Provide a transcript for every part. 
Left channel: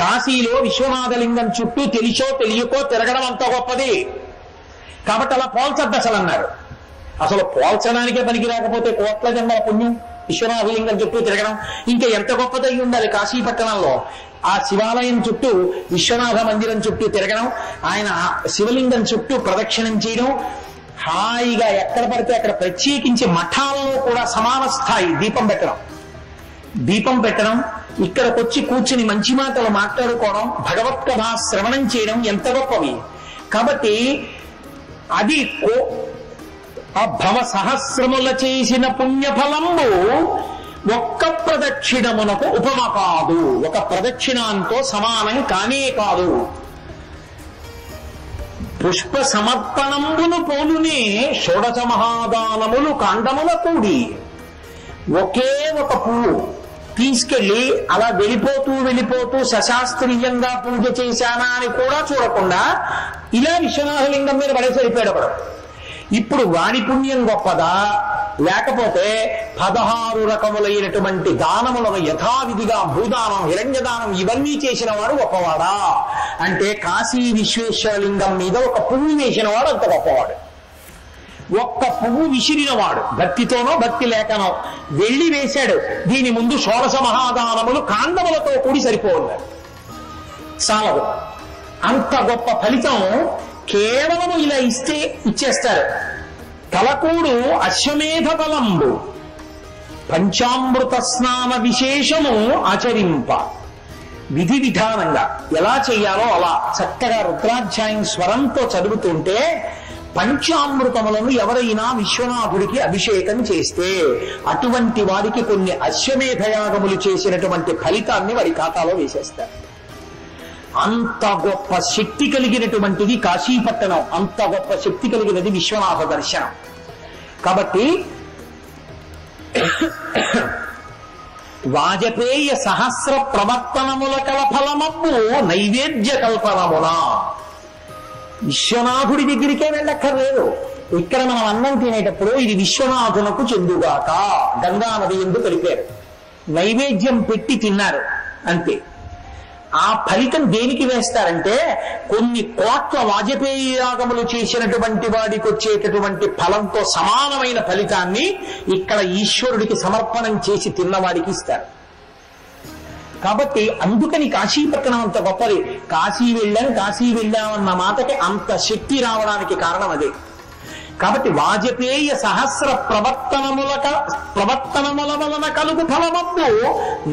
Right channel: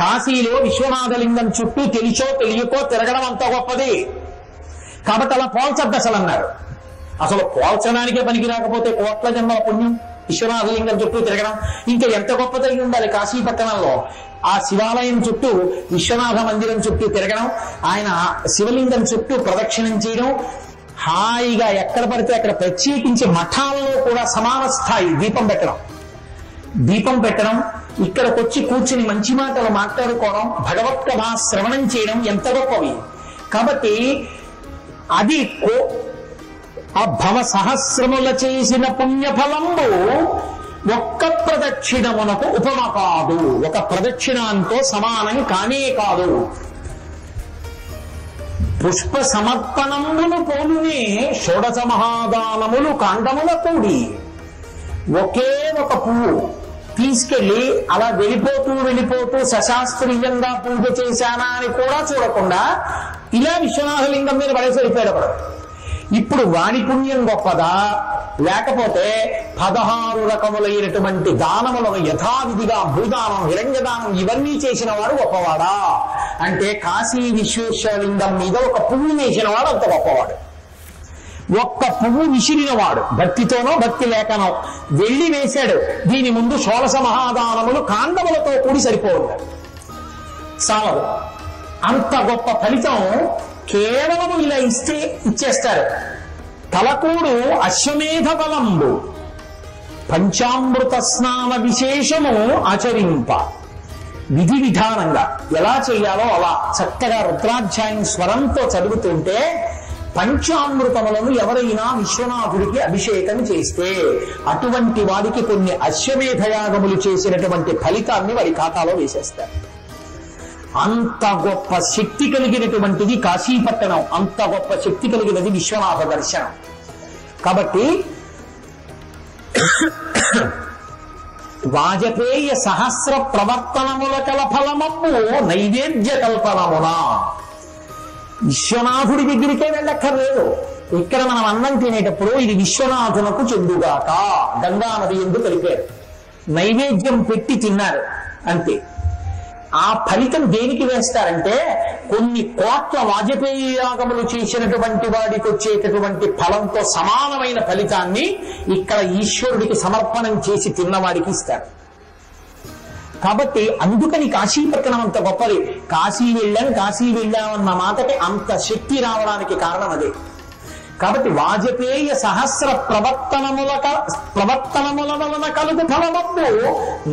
కాశీలో విశ్వనాథలింగం చుట్టూ తెలిసో తెలియకో తిరగడం అంత గొప్పది. కాబట్టి అలా పోల్చద్దు అసలు అన్నారు. అసలు పోల్చడానికే పనికి రాకపోతే కోట్ల జన్మల పుణ్యం విశ్వనాథలింగం చుట్టూ తిరగడం ఇంకా ఎంత గొప్పదై ఉండాలి. కాశీ పట్టణంలో ఆ శివాలయం చుట్టూ విశ్వనాథ మందిరం చుట్టూ తిరగడం, ఆయన శివలింగం చుట్టూ ప్రదక్షిణం చేయడం, హాయిగా ఎక్కడ పడితే అక్కడ ప్రత్యేకించి మఠాలలో కూడా సమాన స్థాయి దీపం పెట్టడం, ఇక్కడికొచ్చి కూర్చుని మంచి మాటలు మాట్లాడుకోవడం, భగవత్ కథా శ్రవణం చేయడం ఎంత గొప్పవి. కాబట్టి అది ఆ భవ సహస్రముల చేసిన పుణ్యఫలంబు ఒక్క ప్రదక్షిణమునకు ఉపమ కాదు, ఒక ప్రదక్షిణంతో సమానం కానే కాదు. పుష్ప సమర్పణమును పోలునే షోడశ మహాదానములు కాండముల కూడి. ఒకే ఒక పువ్వు తీసుకెళ్లి అలా వెళ్ళిపోతూ సశాస్త్రీయంగా పూజ చేశానా అని కూడా చూడకుండా ఇలా విశ్వనాథలింగం మీద పడేసి వెళ్ళిపోయాడు. ఇప్పుడు వాడి పుణ్యం గొప్పదా, లేకపోతే 16 రకములైనటువంటి దానములను యథావిధిగా భూదానం, హిరణ్యదానం ఇవన్నీ చేసిన వాడు గొప్పవాడా అంటే కాశీ విశ్వేశ్వరలింగం మీద ఒక పువ్వు వేసిన వాడు అంత గొప్పవాడు. ఒక్క పువ్వు విసిరినవాడు భక్తితోనో భక్తి లేకనో వెళ్ళి వేశాడు. దీని ముందు షోడశ మహాదానములు కాండములతో కూడి సరిపోతారు, చాలదు. అంత గొప్ప ఫలితం కేవలము ఇలా ఇచ్చేస్తారు. తలకూడు అశ్వమేధ బలంబు పంచామృత స్నాన విశేషము ఆచరింప. విధి విధానంగా ఎలా చేయాలో అలా చక్కగా రుద్రాధ్యాయం స్వరంతో చదువుతుంటే పంచామృతములను ఎవరైనా విశ్వనాథుడికి అభిషేకం చేస్తే అటువంటి వారికి కొన్ని అశ్వమేధయాగములు చేసినటువంటి ఫలితాన్ని వారి ఖాతాలో వేసేస్తారు. అంత గొప్ప శక్తి కలిగినటువంటిది కాశీపట్టణం, అంత గొప్ప శక్తి కలిగినది విశ్వనాథ దర్శనం. కాబట్టి వాజపేయ సహస్ర ప్రవర్తనముల కల ఫలమప్పు నైవేద్య కల్పనమున. విశ్వనాథుడి దగ్గరికే వెళ్ళక్కర్లేదు. ఇక్కడ మనం అన్నం తినేటప్పుడు ఇది విశ్వనాథులకు చెందుగాక గంగా నది ఎందు కలిపారు, నైవేద్యం పెట్టి తిన్నారు అంతే. ఆ ఫలితం దేనికి వేస్తారంటే కొన్ని కోట్ల వాజపేయి యాగములు చేసినటువంటి వాడికి వచ్చేటటువంటి ఫలంతో సమానమైన ఫలితాన్ని ఇక్కడ ఈశ్వరుడికి సమర్పణం చేసి తిన్నవాడికి ఇస్తారు. కాబట్టి అందుకని కాశీపట్టణం అంత గొప్పది. కాశీ వెళ్ళామన్న మాటకి అంత శక్తి రావడానికి కారణం అదే. కాబట్టి వాజపేయ సహస్ర ప్రవర్తనముల వలన కలుగు ఫలమమ్ము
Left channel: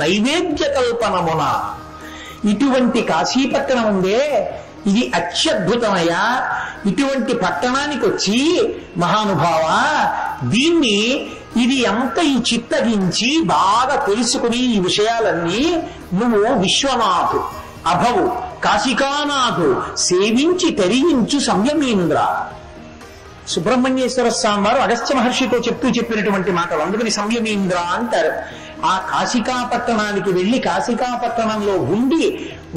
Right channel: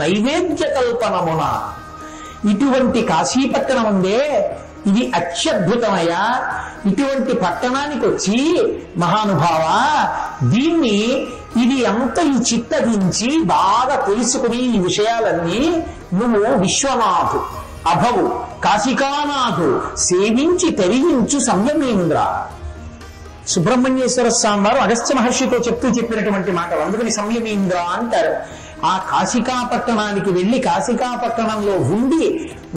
నైవేద్య కల్పనమున. ఇటువంటి కాశీపట్టణం ఉందే, ఇది అత్యద్భుతమయ్యా. ఇటువంటి పట్టణానికి వచ్చి మహానుభావ దీన్ని ఇది అంత ఈ చిత్తగించి బాగా తెలుసుకుని ఈ విషయాలన్నీ నువ్వు విశ్వనాథు అభవు కాశికానాథు సేవించి తరించు సంయమేంద్ర. సుబ్రహ్మణ్యేశ్వర స్వామి వారు అగస్త్య మహర్షితో చెప్పినటువంటి మాట, అందుకని సంయమేంద్ర అంటారు. ఆ కాశికాపట్టణానికి వెళ్ళి కాశికాపట్టణంలో ఉండి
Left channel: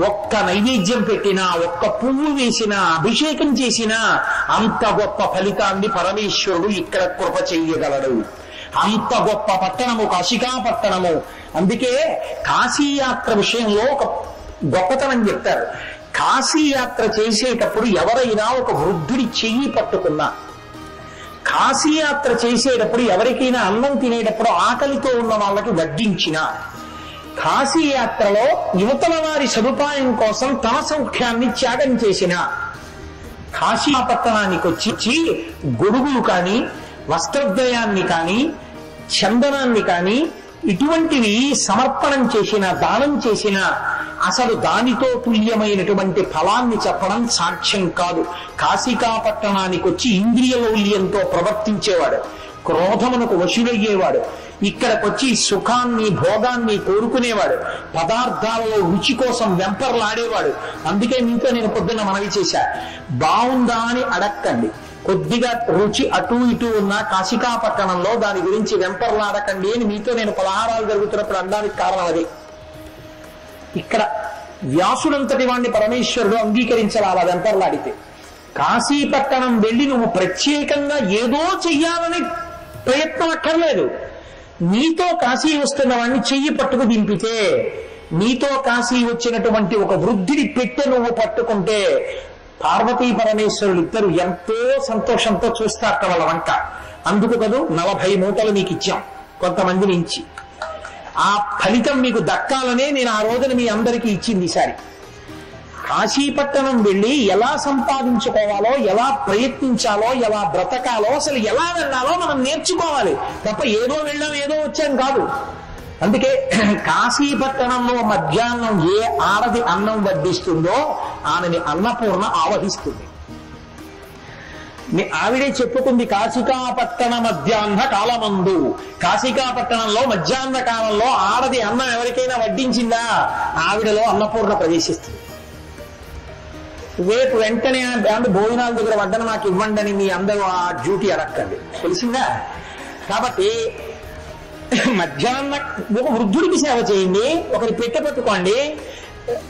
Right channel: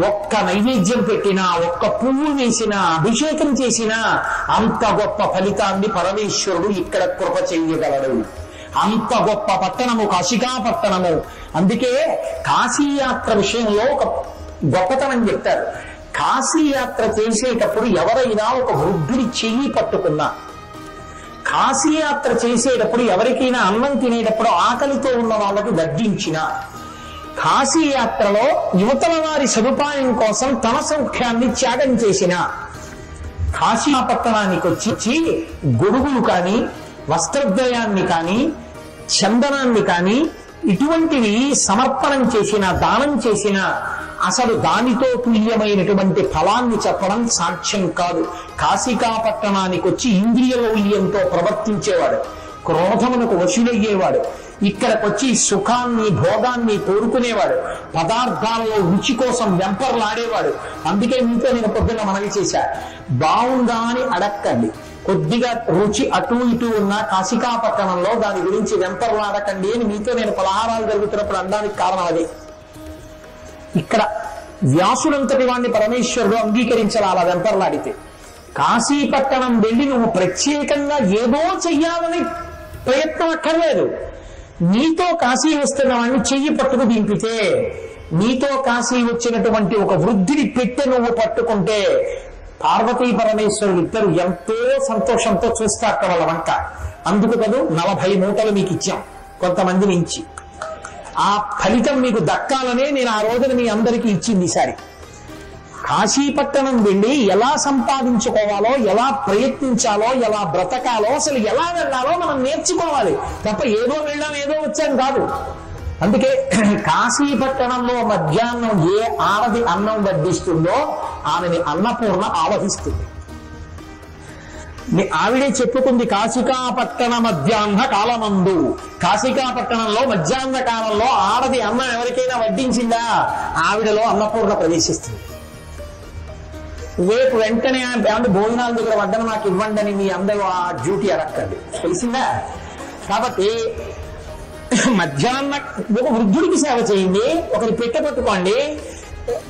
ఒక్క నైవేద్యం పెట్టినా, ఒక్క పువ్వు వేసినా, అభిషేకం చేసినా అంత గొప్ప ఫలితాన్ని పరమేశ్వరుడు ఇక్కడ కృప చెయ్యగలడు. అంత గొప్ప పట్టణము కాశికాపట్టణము. అందుకే కాశీయాత్ర విషయంలో ఒక గొప్పతనం చెప్తారు. కాశీయాత్ర చేసేటప్పుడు ఎవరైనా ఒక వృద్ధుని చెయ్యి పట్టుకున్నా, కాశీయాత్ర చేసేటప్పుడు ఎవరికైనా అన్నం తినేటప్పుడు ఆకలితో ఉన్న వాళ్ళకి వడ్డించిన, కాశీయాత్రలో యువతల వారి సదుపాయం కోసం తన సౌఖ్యాన్ని త్యాగం చేసిన, కాశీపట్టణానికి వచ్చి గొడుగులు కానీ, వస్త్రద్వయాన్ని కానీ, చందనాన్ని కానీ ఇటువంటివి సమర్పణం చేసిన, దానం చేసిన అసలు దానితో తుల్యమైనటువంటి ఫలాన్ని చెప్పడం సాక్ష్యం కాదు. కాశికాపట్టణానికి వచ్చి ఇంద్రియ లౌల్యంతో ప్రవర్తించేవాడు, క్రోధమునకు వశులయ్యేవాడు, ఇక్కడికొచ్చి సుఖాన్ని భోగాన్ని కోరుకునేవాడు, పదార్థాలలో రుచి కోసం వెంపర్లాడేవాడు. అందుకే మీతో నేను పొద్దున్న మనవి చేశా, బాగుందా అని అడక్కండి. కొద్దిగా రుచి అటు ఇటు ఉన్న కాశికాపట్టణంలో దాని గురించి వెంపర్లాడకండి అని మీతో నేను పలహారాలు జరుగుతున్నప్పుడు అనడానికి కారణం అదే. ఇక్కడ వ్యాసుడంతటి వాడిని పరమేశ్వరుడు అంగీకరించాలి అలా వెంపర్లాడితే. కాశీపట్టణం వెళ్ళి నువ్వు ప్రత్యేకంగా ఏదో చెయ్యాలని ప్రయత్నం అక్కర్లేదు. నీతో కాశీ వస్తున్న వాడిని చెయ్యి పట్టుకు దింపితే నీతో కాశీ వచ్చినటువంటి ఒక వృద్ధుడి పెట్టె నువ్వు పట్టుకుంటే పార్వతీ పరమేశ్వరులు ఇద్దరు ఎంతో సంతోషంతో చూస్తారు వాళ్ళ వంట. అందుకు కదా 40 మూటలు మీకు ఇచ్చాం కొంతమంది నుంచి. ఆ ఫలితం మీకు దక్కాలనే నేను ఆ రోజున మీ అందరికీ ఇచ్చింది. ఈసారి కాశీపట్టణం వెళ్ళి ఎలా సంపాదించుకోవాలో, ఎలా ప్రయత్నించాలో, ఎలా బ్రతకాలో, అసలు ఎలా వెళ్ళాలో మనం నేర్చుకోవాలి తప్ప ఏదో వెళ్ళాం ఏదో వచ్చాం కాదు. అందుకే కాశీపట్టణంలో మధ్యాహ్నం ఏ ఆడది అన్నం వడ్డిస్తుందో ఆమెని అన్నపూర్ణ ఆవహిస్తుంది. ఆవిడే చెప్పుకుంది కాశికాపట్టణ మధ్యాహ్న కాలమందు. కాశికాపట్టణంలో మధ్యాహ్న కాలంలో ఆడది అన్నం ఎవరికైనా వడ్డించిందా ఆవిడలో అన్నపూర్ణ ప్రవేశిస్తుంది. రేపు వెంటనే భోజనాల దగ్గర వడ్డన నాకు ఇవ్వండి అని మీ అందరూ ఆ డ్యూటీ అడగండి, తెలిసిందా? కాబట్టి మధ్యాహ్న ఒక వృద్ధుడికి సేవ చేయండి, ఒకరి పెట్టె పట్టుకోండి,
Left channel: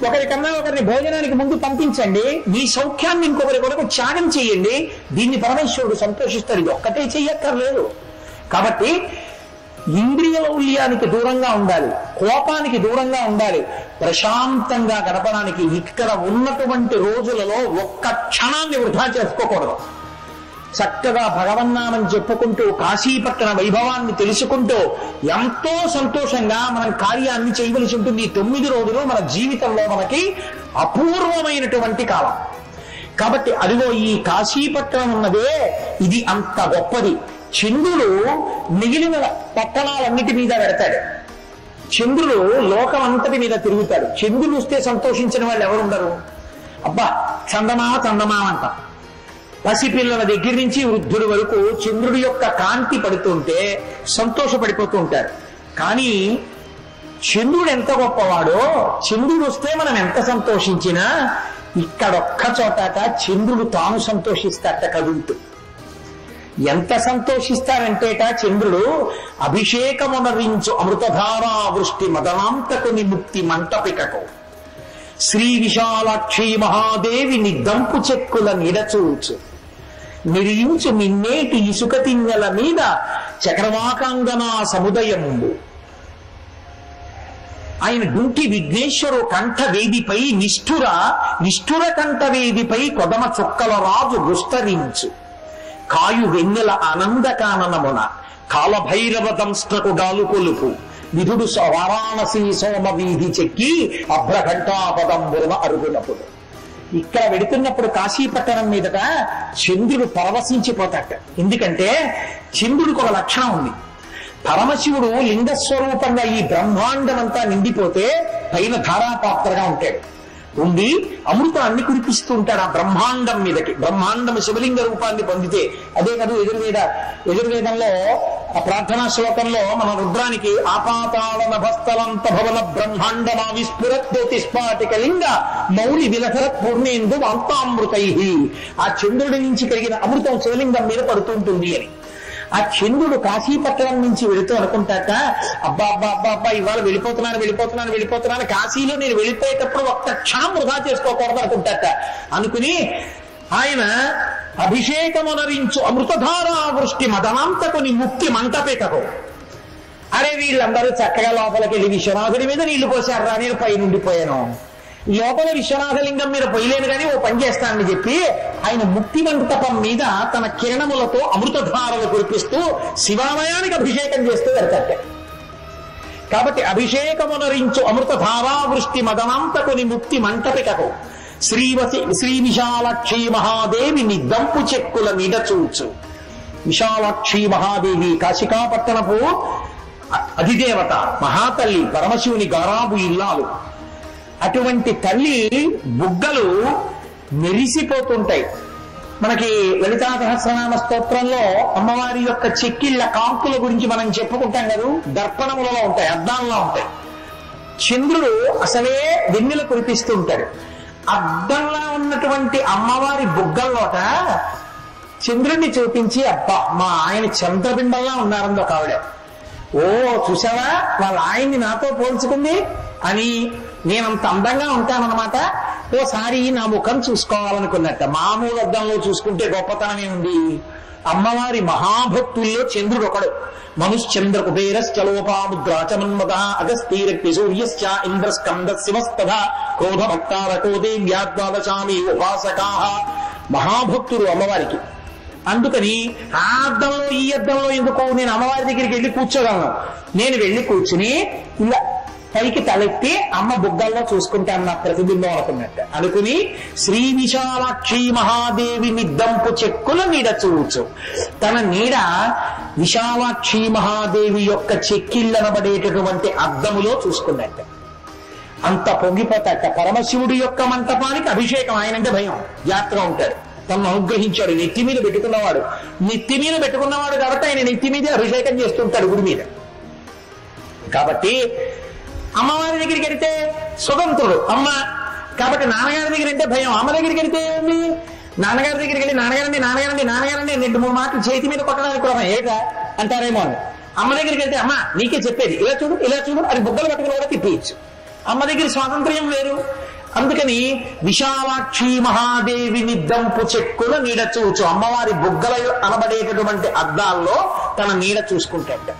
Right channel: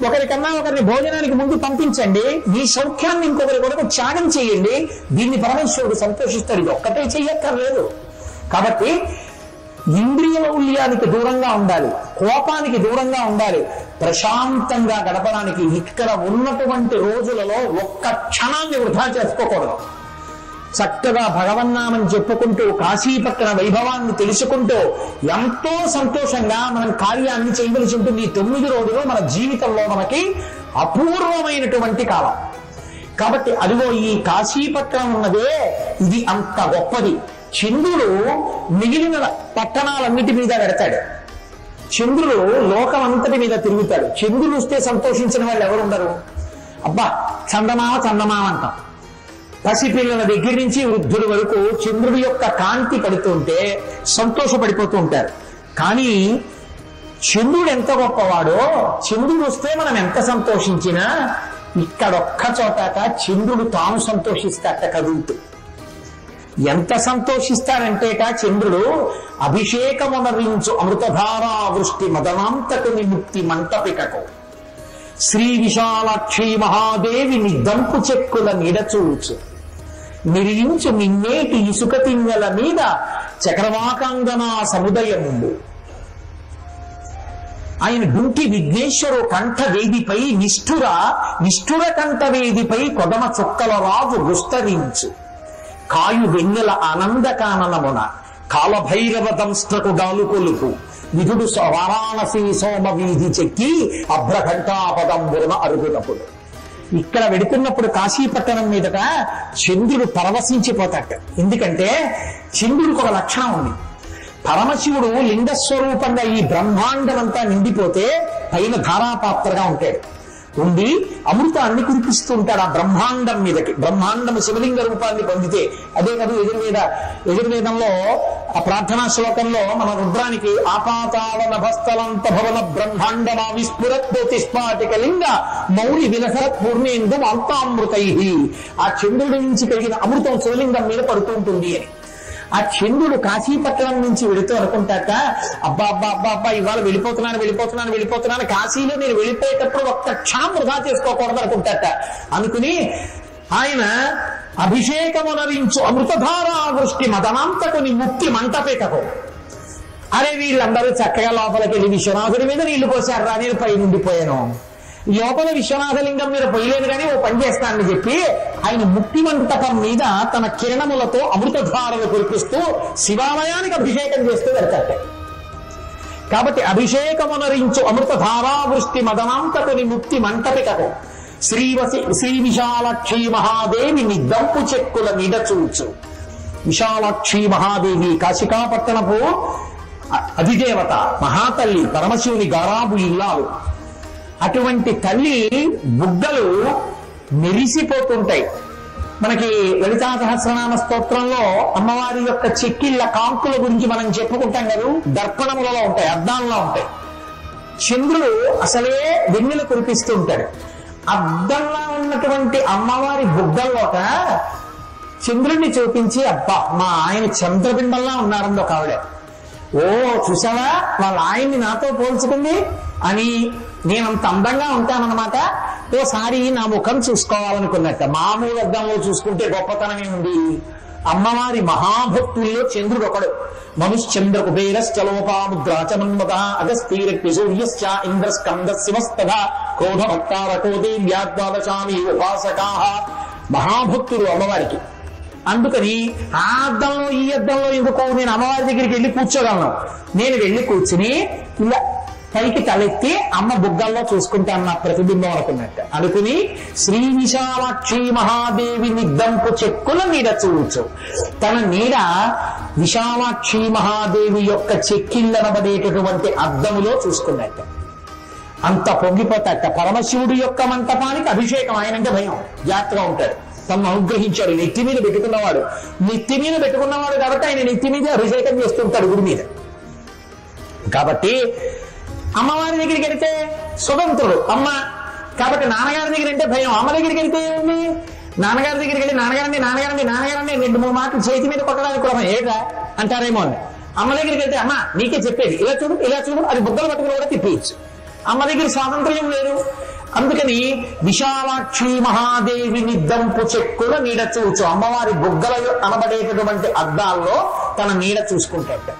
ఒకరికన్నా ఒకరిని భోజనానికి ముందు పంపించండి, మీ సౌఖ్యాన్ని ఇంకొకరి కొరకు త్యాగం చేయండి. దీన్ని పరమేశ్వరుడు సంతోషిస్తాడు. ఇది ఒక్కటే చెయ్యక్కర్లేదు. కాబట్టి ఇంద్రియ లౌల్యానికి దూరంగా ఉండాలి, కోపానికి దూరంగా ఉండాలి, ప్రశాంతంగా గడపడానికి ఇక్కడ ఉన్నటువంటి రోజులలో ఒక్క క్షణాన్ని వృధా చేసుకోకూడదు. చక్కగా భగవన్నామం చెప్పుకుంటూ కాశీపట్టణ వైభవాన్ని తెలుసుకుంటూ ఎంతో సంతోషంగా మనం కార్యాన్ని చేయవలసి ఉంటుంది. ఈ 9 రోజులు మన జీవితంలో మనకి అపూర్వమైనటువంటి కాలం. కాబట్టి అదిగో ఈ కాశీపట్టణం ఉన్నదే ఇది అంత గొప్పది. చంద్రుడు మిగిలిన పట్టణాలన్నిటి మీద పెడతాడు. చంద్రుడు లోకం అంతటి మీద తిరుగుతాడు. చంద్రుడు వస్తే సంతోషించిన వాళ్ళు ఎవరు ఉండరు. అబ్బా చందమామ చందమామ అంటాం. పసిపిల్లల దగ్గర నుంచి వృద్ధుడి వరకు చంద్రుడి యొక్క కాంతి పడుతుంటే సంతోషపడిపోతూ ఉంటారు. కానీ చంద్రుడు ఎంత గొప్పవాడో, చంద్రుడు వస్తే మనం ఎంత సంతోషించినా ఇక్కడొక్క చోట చంద్రుడు తాను సంతోషిస్తాట కదులుతూ. ఎంత సంతోషిస్తారంటేట చంద్రుడు అభిషేకమునరించు అమృతధారా వృష్టి మదనాంతకు నిముక్తి మంటపికకు శ్రీ విశాలాక్షి మహాదేవి నిద్దంపు చెక్కుల నిడచూచు నిరియుచు నిన్నేటి ఇసుక తిన్నెల మీద చక్రవాకాంగనా సముదయముండు. ఆయన గుంటి విఘ్నేశ్వరు కంఠవేదిపై నిష్ఠుర కంఠవేదిపై కొదమ చుక్కల రాజు విస్తరించు కాయు వెన్నెల ఆనందకాననమున కాలభైరవ దంష్టకు గాలు కొలుపు విధుడు వారాణసి సోమ వీధి చెక్కి అభ్రఘంటాపదంబున అరుగునప్పుడు. ఇక్కడ వెడుతున్నప్పుడు కాశీపట్టణం మీదట చంద్రుడు పరవశించిపోతాట. ఎందుకంటే చంద్రుడికి ఒక లక్షణం ఉంది. పరమశివుడు లింగస్వరూపంగా ఈ బ్రహ్మాండం అంతా నిండిపోతే పైన ధారాపాత్రగా ఉంటాడు. ఉండి అమృతాన్ని కురిపిస్తూ ఉంటాడు ఆ బ్రహ్మాండం మీదకి. బ్రహ్మాండం శివలింగ రూపాన్ని పొందితే అదే కదా యజుర్వేదంలో ఆ ప్రార్థనా శ్లోకంలో మన రుద్రానికి ఆపాతాళ నభస్థలంత భవన బ్రహ్మాండమా విస్ఫురత్స్ఫాటిక లింగ మౌలి విలసరత్ పూర్ణేందు అంతామృతై. ఆ చంద్రుడి నుంచి కలిగిన అమృతం శివలింగం మీద పడుతుంటుంది అని. ఆ చంద్రుడు కాశీపట్టణం నుంచి వెళుతూ అనుకుంటాక అబ్బా అబ్బా అబ్బా అబ్బా ఇవాళ వెళ్ళిపోతున్నాను కాశీలో నేను వెళ్ళిపోయేటప్పుడు ఒక్క క్షణం వృధా చేసుకోకూడదు అనుకుంటాక. అనుకుని ఆయన అభిషేకమునరించు అమృతధారా వృష్టి మదనాంతకు ముక్తి మంటపేటకు. అరే వీళ్ళందరూ చక్కగా లోపలికి వెళ్ళి విశ్వనాథుడి మీద నీళ్లు పోసారు రా, నేను పై నుండిపోయాను. లోపల విశ్వనాథలింగం మీద పోయలేదు కానీ ఓ పని చేస్తానని చెప్పి ఆయన ముక్తి మంటపం మీద తన కిరణములతో అమృతధారలు కురిపిస్తూ శివాలయానికి అభిషేకం చేస్తూ వెళ్తాడు. కాబట్టి అభిషేకమునరించు అమృతధారా వృష్టి మదనాంతకుని ముక్తి మంటపిటకు శ్రీ విశాలాక్షి మహాదేవి నిద్దంపు చెక్కుల నిడచూచు. విశాలాక్షి మహాదేవి కాశికాపట్టణపు అధిదేవత మహాతల్లి, పరమశివుని గారాబు ఇల్లాలు. అటువంటి తల్లి బుగ్గలు మెరిసిపోతుంటాయి. మనకి లలితా సహస్రనామ స్తోత్రంలో అమ్మవారి యొక్క చెక్కిళ్ళ కాంతుల గురించి మనం చెప్పుకుంటాం కదా, దర్పణములలో ఉంటాయి, అద్దాల్లో ఉంటాయి. చంద్రుడు అసలే వెన్నెలు కురిపిస్తూ ఉంటాడు. అద్దంలో ఉన్నటువంటి అమ్మవారి బుగ్గల్లోట చంద్రుడిని చూపించి అబ్బా మా ఆయన చంద్రబింబంలా ఉన్నారని ఒక ఆవిడ. ఓ చూసావా వాళ్ళ ఆయన్ని నాతో పోల్చుకుంది అని నేనంత అందంగా ఉంటానన్నమాట. ఓసారి నా ముఖం చూసుకోవాలనుకున్నట్ట. మామూలు అద్దంలో చూసుకుంటే గొప్పతనమే ఉంది. అమ్మవారి మహాభక్తుల్లో చంద్రుడు ఒకడు. మనుశ్చంద్ర కుబేరశ్చ లోపాముద్రాచ మన్మథ అగస్తీరక్తి సూర్యశ్చ ఇంద్రస్కంద శివస్తథ క్రోధభక్తారకో దేవ్యాద్వాదశామి ఉపాసకాః. మహాభక్తులు అమ్మవారికి. అందుకని ఆ అద్దంలో ఈ అద్దంలో ఎందుకో నేను అమ్మవారి దగ్గరికి వెళ్ళి కూర్చోగలను. నేను వెళ్ళి కూర్చుని ఇలా పైకి తలెత్తి అమ్మ బుగ్గల్లో చూసుకుంటాను నా ప్రతిబింబం అనుకున్నట్టు అనుకుని శ్రీ విశాలాక్షి మహాదేవి నిద్దంపు చెక్కుల నీడ చూడొచ్చు. తన నీడ విశాలాక్షి మహాదేవి యొక్క చెక్కిళ్ళనబడేటటువంటి అద్దములో చూసుకున్నట్టు అంత పొంగిపోతాట. పరమశివుడి యొక్క మంటపానికి అభిషేకం ఆయనంటే భయం, జాగ్రత్తగా ఉంటాడు. తను అనుగ్రహించాడు. నెత్తి మీద పెట్టుకున్నవాడు కాబట్టి ఆయన నెత్తి మీదే అభిషేకం చేస్తుంటాడు గుడి మీద. కాబట్టి అమ్మవారి దగ్గరికి వెళితే స్వతంత్రుడు అమ్మ. కాబట్టి నాన్నగారి దగ్గర అంటే భయం. అమ్మ దగ్గరికి వెళితే ఏమి, నాన్నగారి దగ్గరికి వెళ్ళి నాన్నగారండి 2-3 మాటలు చేతి మీద కొట్టడానికి కూడా ఏగా అంటారేమో అని. అమ్మ దగ్గరికి వెళ్తే అమ్మ నీకే చెప్పేది, ఇలా చూడు అది బుగ్గలు పట్టుకుని కూడా తిప్పేయచ్చు. అమ్మ దగ్గర స్వాతంత్ర్యం లేదు. అందుకని విశాలాక్షి మహాదేవి నిద్దంపు చెక్కుల నీడ చూచు. అమ్మవారి బుగ్గల అనబడేటటువంటి అద్దాల్లో తన నీడ చూసుకుంటాడు.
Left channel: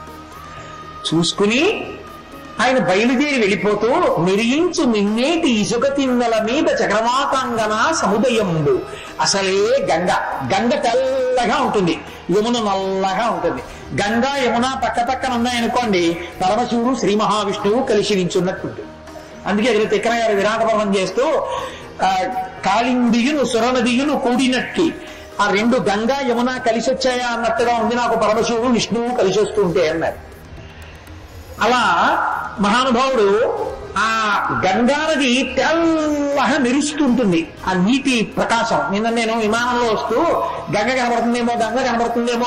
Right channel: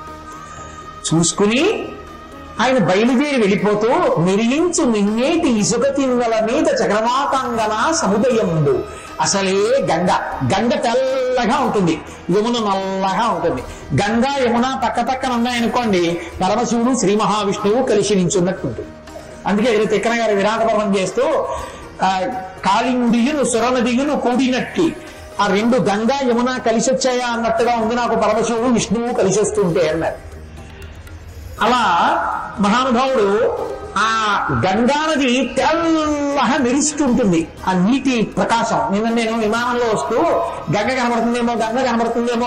చూసుకుని ఆయన బయలుదేరి వెళ్ళిపోతూ నిరించు నిన్నేటి ఇసుక తిన్నెల మీద చక్రవాకాంగన సముదయముందు. అసలే గంగ తెల్లగా ఉంటుంది, యమున నల్లగా ఉంటుంది. గంగా యమున పక్కన ఉన్నాయనుకోండి, పరమశివుడు శ్రీ మహావిష్ణువు కలిసి నించున్నట్టుంటుంది. అందుకే తిక్కన గారు విరాట పర్వం చేస్తూ కాళిందియును సురనదియును కూడినట్టు ఆ 2 గంగా యమున కలిసి వచ్చాయా అన్నట్టుగా ఉంది నాకు పరమశివుడు విష్ణువు కలిసి వస్తుంటే అన్నారు. అలా మహానుభావుడు ఆ గంగా నది తెల్లగా మెరుస్తుంటుంది ఆ నీటి ప్రకాశం. నేను విమానంలో వస్తూ గంగ కనబడుతుందేమో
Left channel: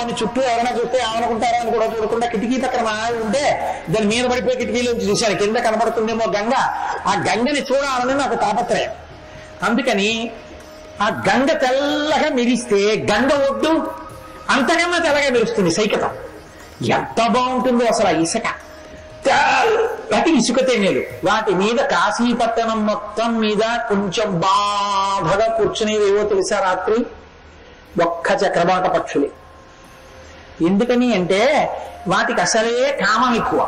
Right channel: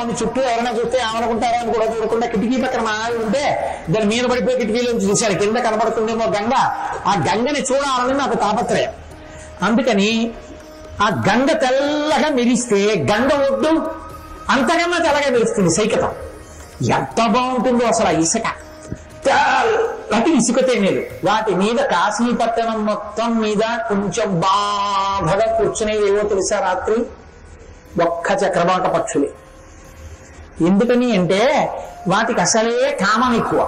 అని చుట్టూ ఎవరైనా చూస్తే ఏమనుకుంటారో అని కూడా చూడకుండా కిటికీ పక్కన మా ఉంటే దాని మీద పడిపోయి కిటికీలో చూశారు కింద కనబడుతుందేమో గంగ. ఆ గంగని చూడాలని నాకు తాపత్రయం. అందుకని ఆ గంగ తెల్లగా మెరిస్తే గంగ ఒడ్డు అంతకన్నా తెల్లగా మెరుస్తుంది సైకతం. ఎంత బాగుంటుందో అసలు ఆ ఇసుక, తెల్లటి ఇసుక తేనేది. వాటి మీద కాశీపట్టణం మొత్తం మీద కొంచెం బాధగా కూర్చునేవి ఏవో తెలుసా రాత్రి? ఒక్క చక్రవాక పక్షులే. ఎందుకని అంటే వాటికి అసలే కామం ఎక్కువ.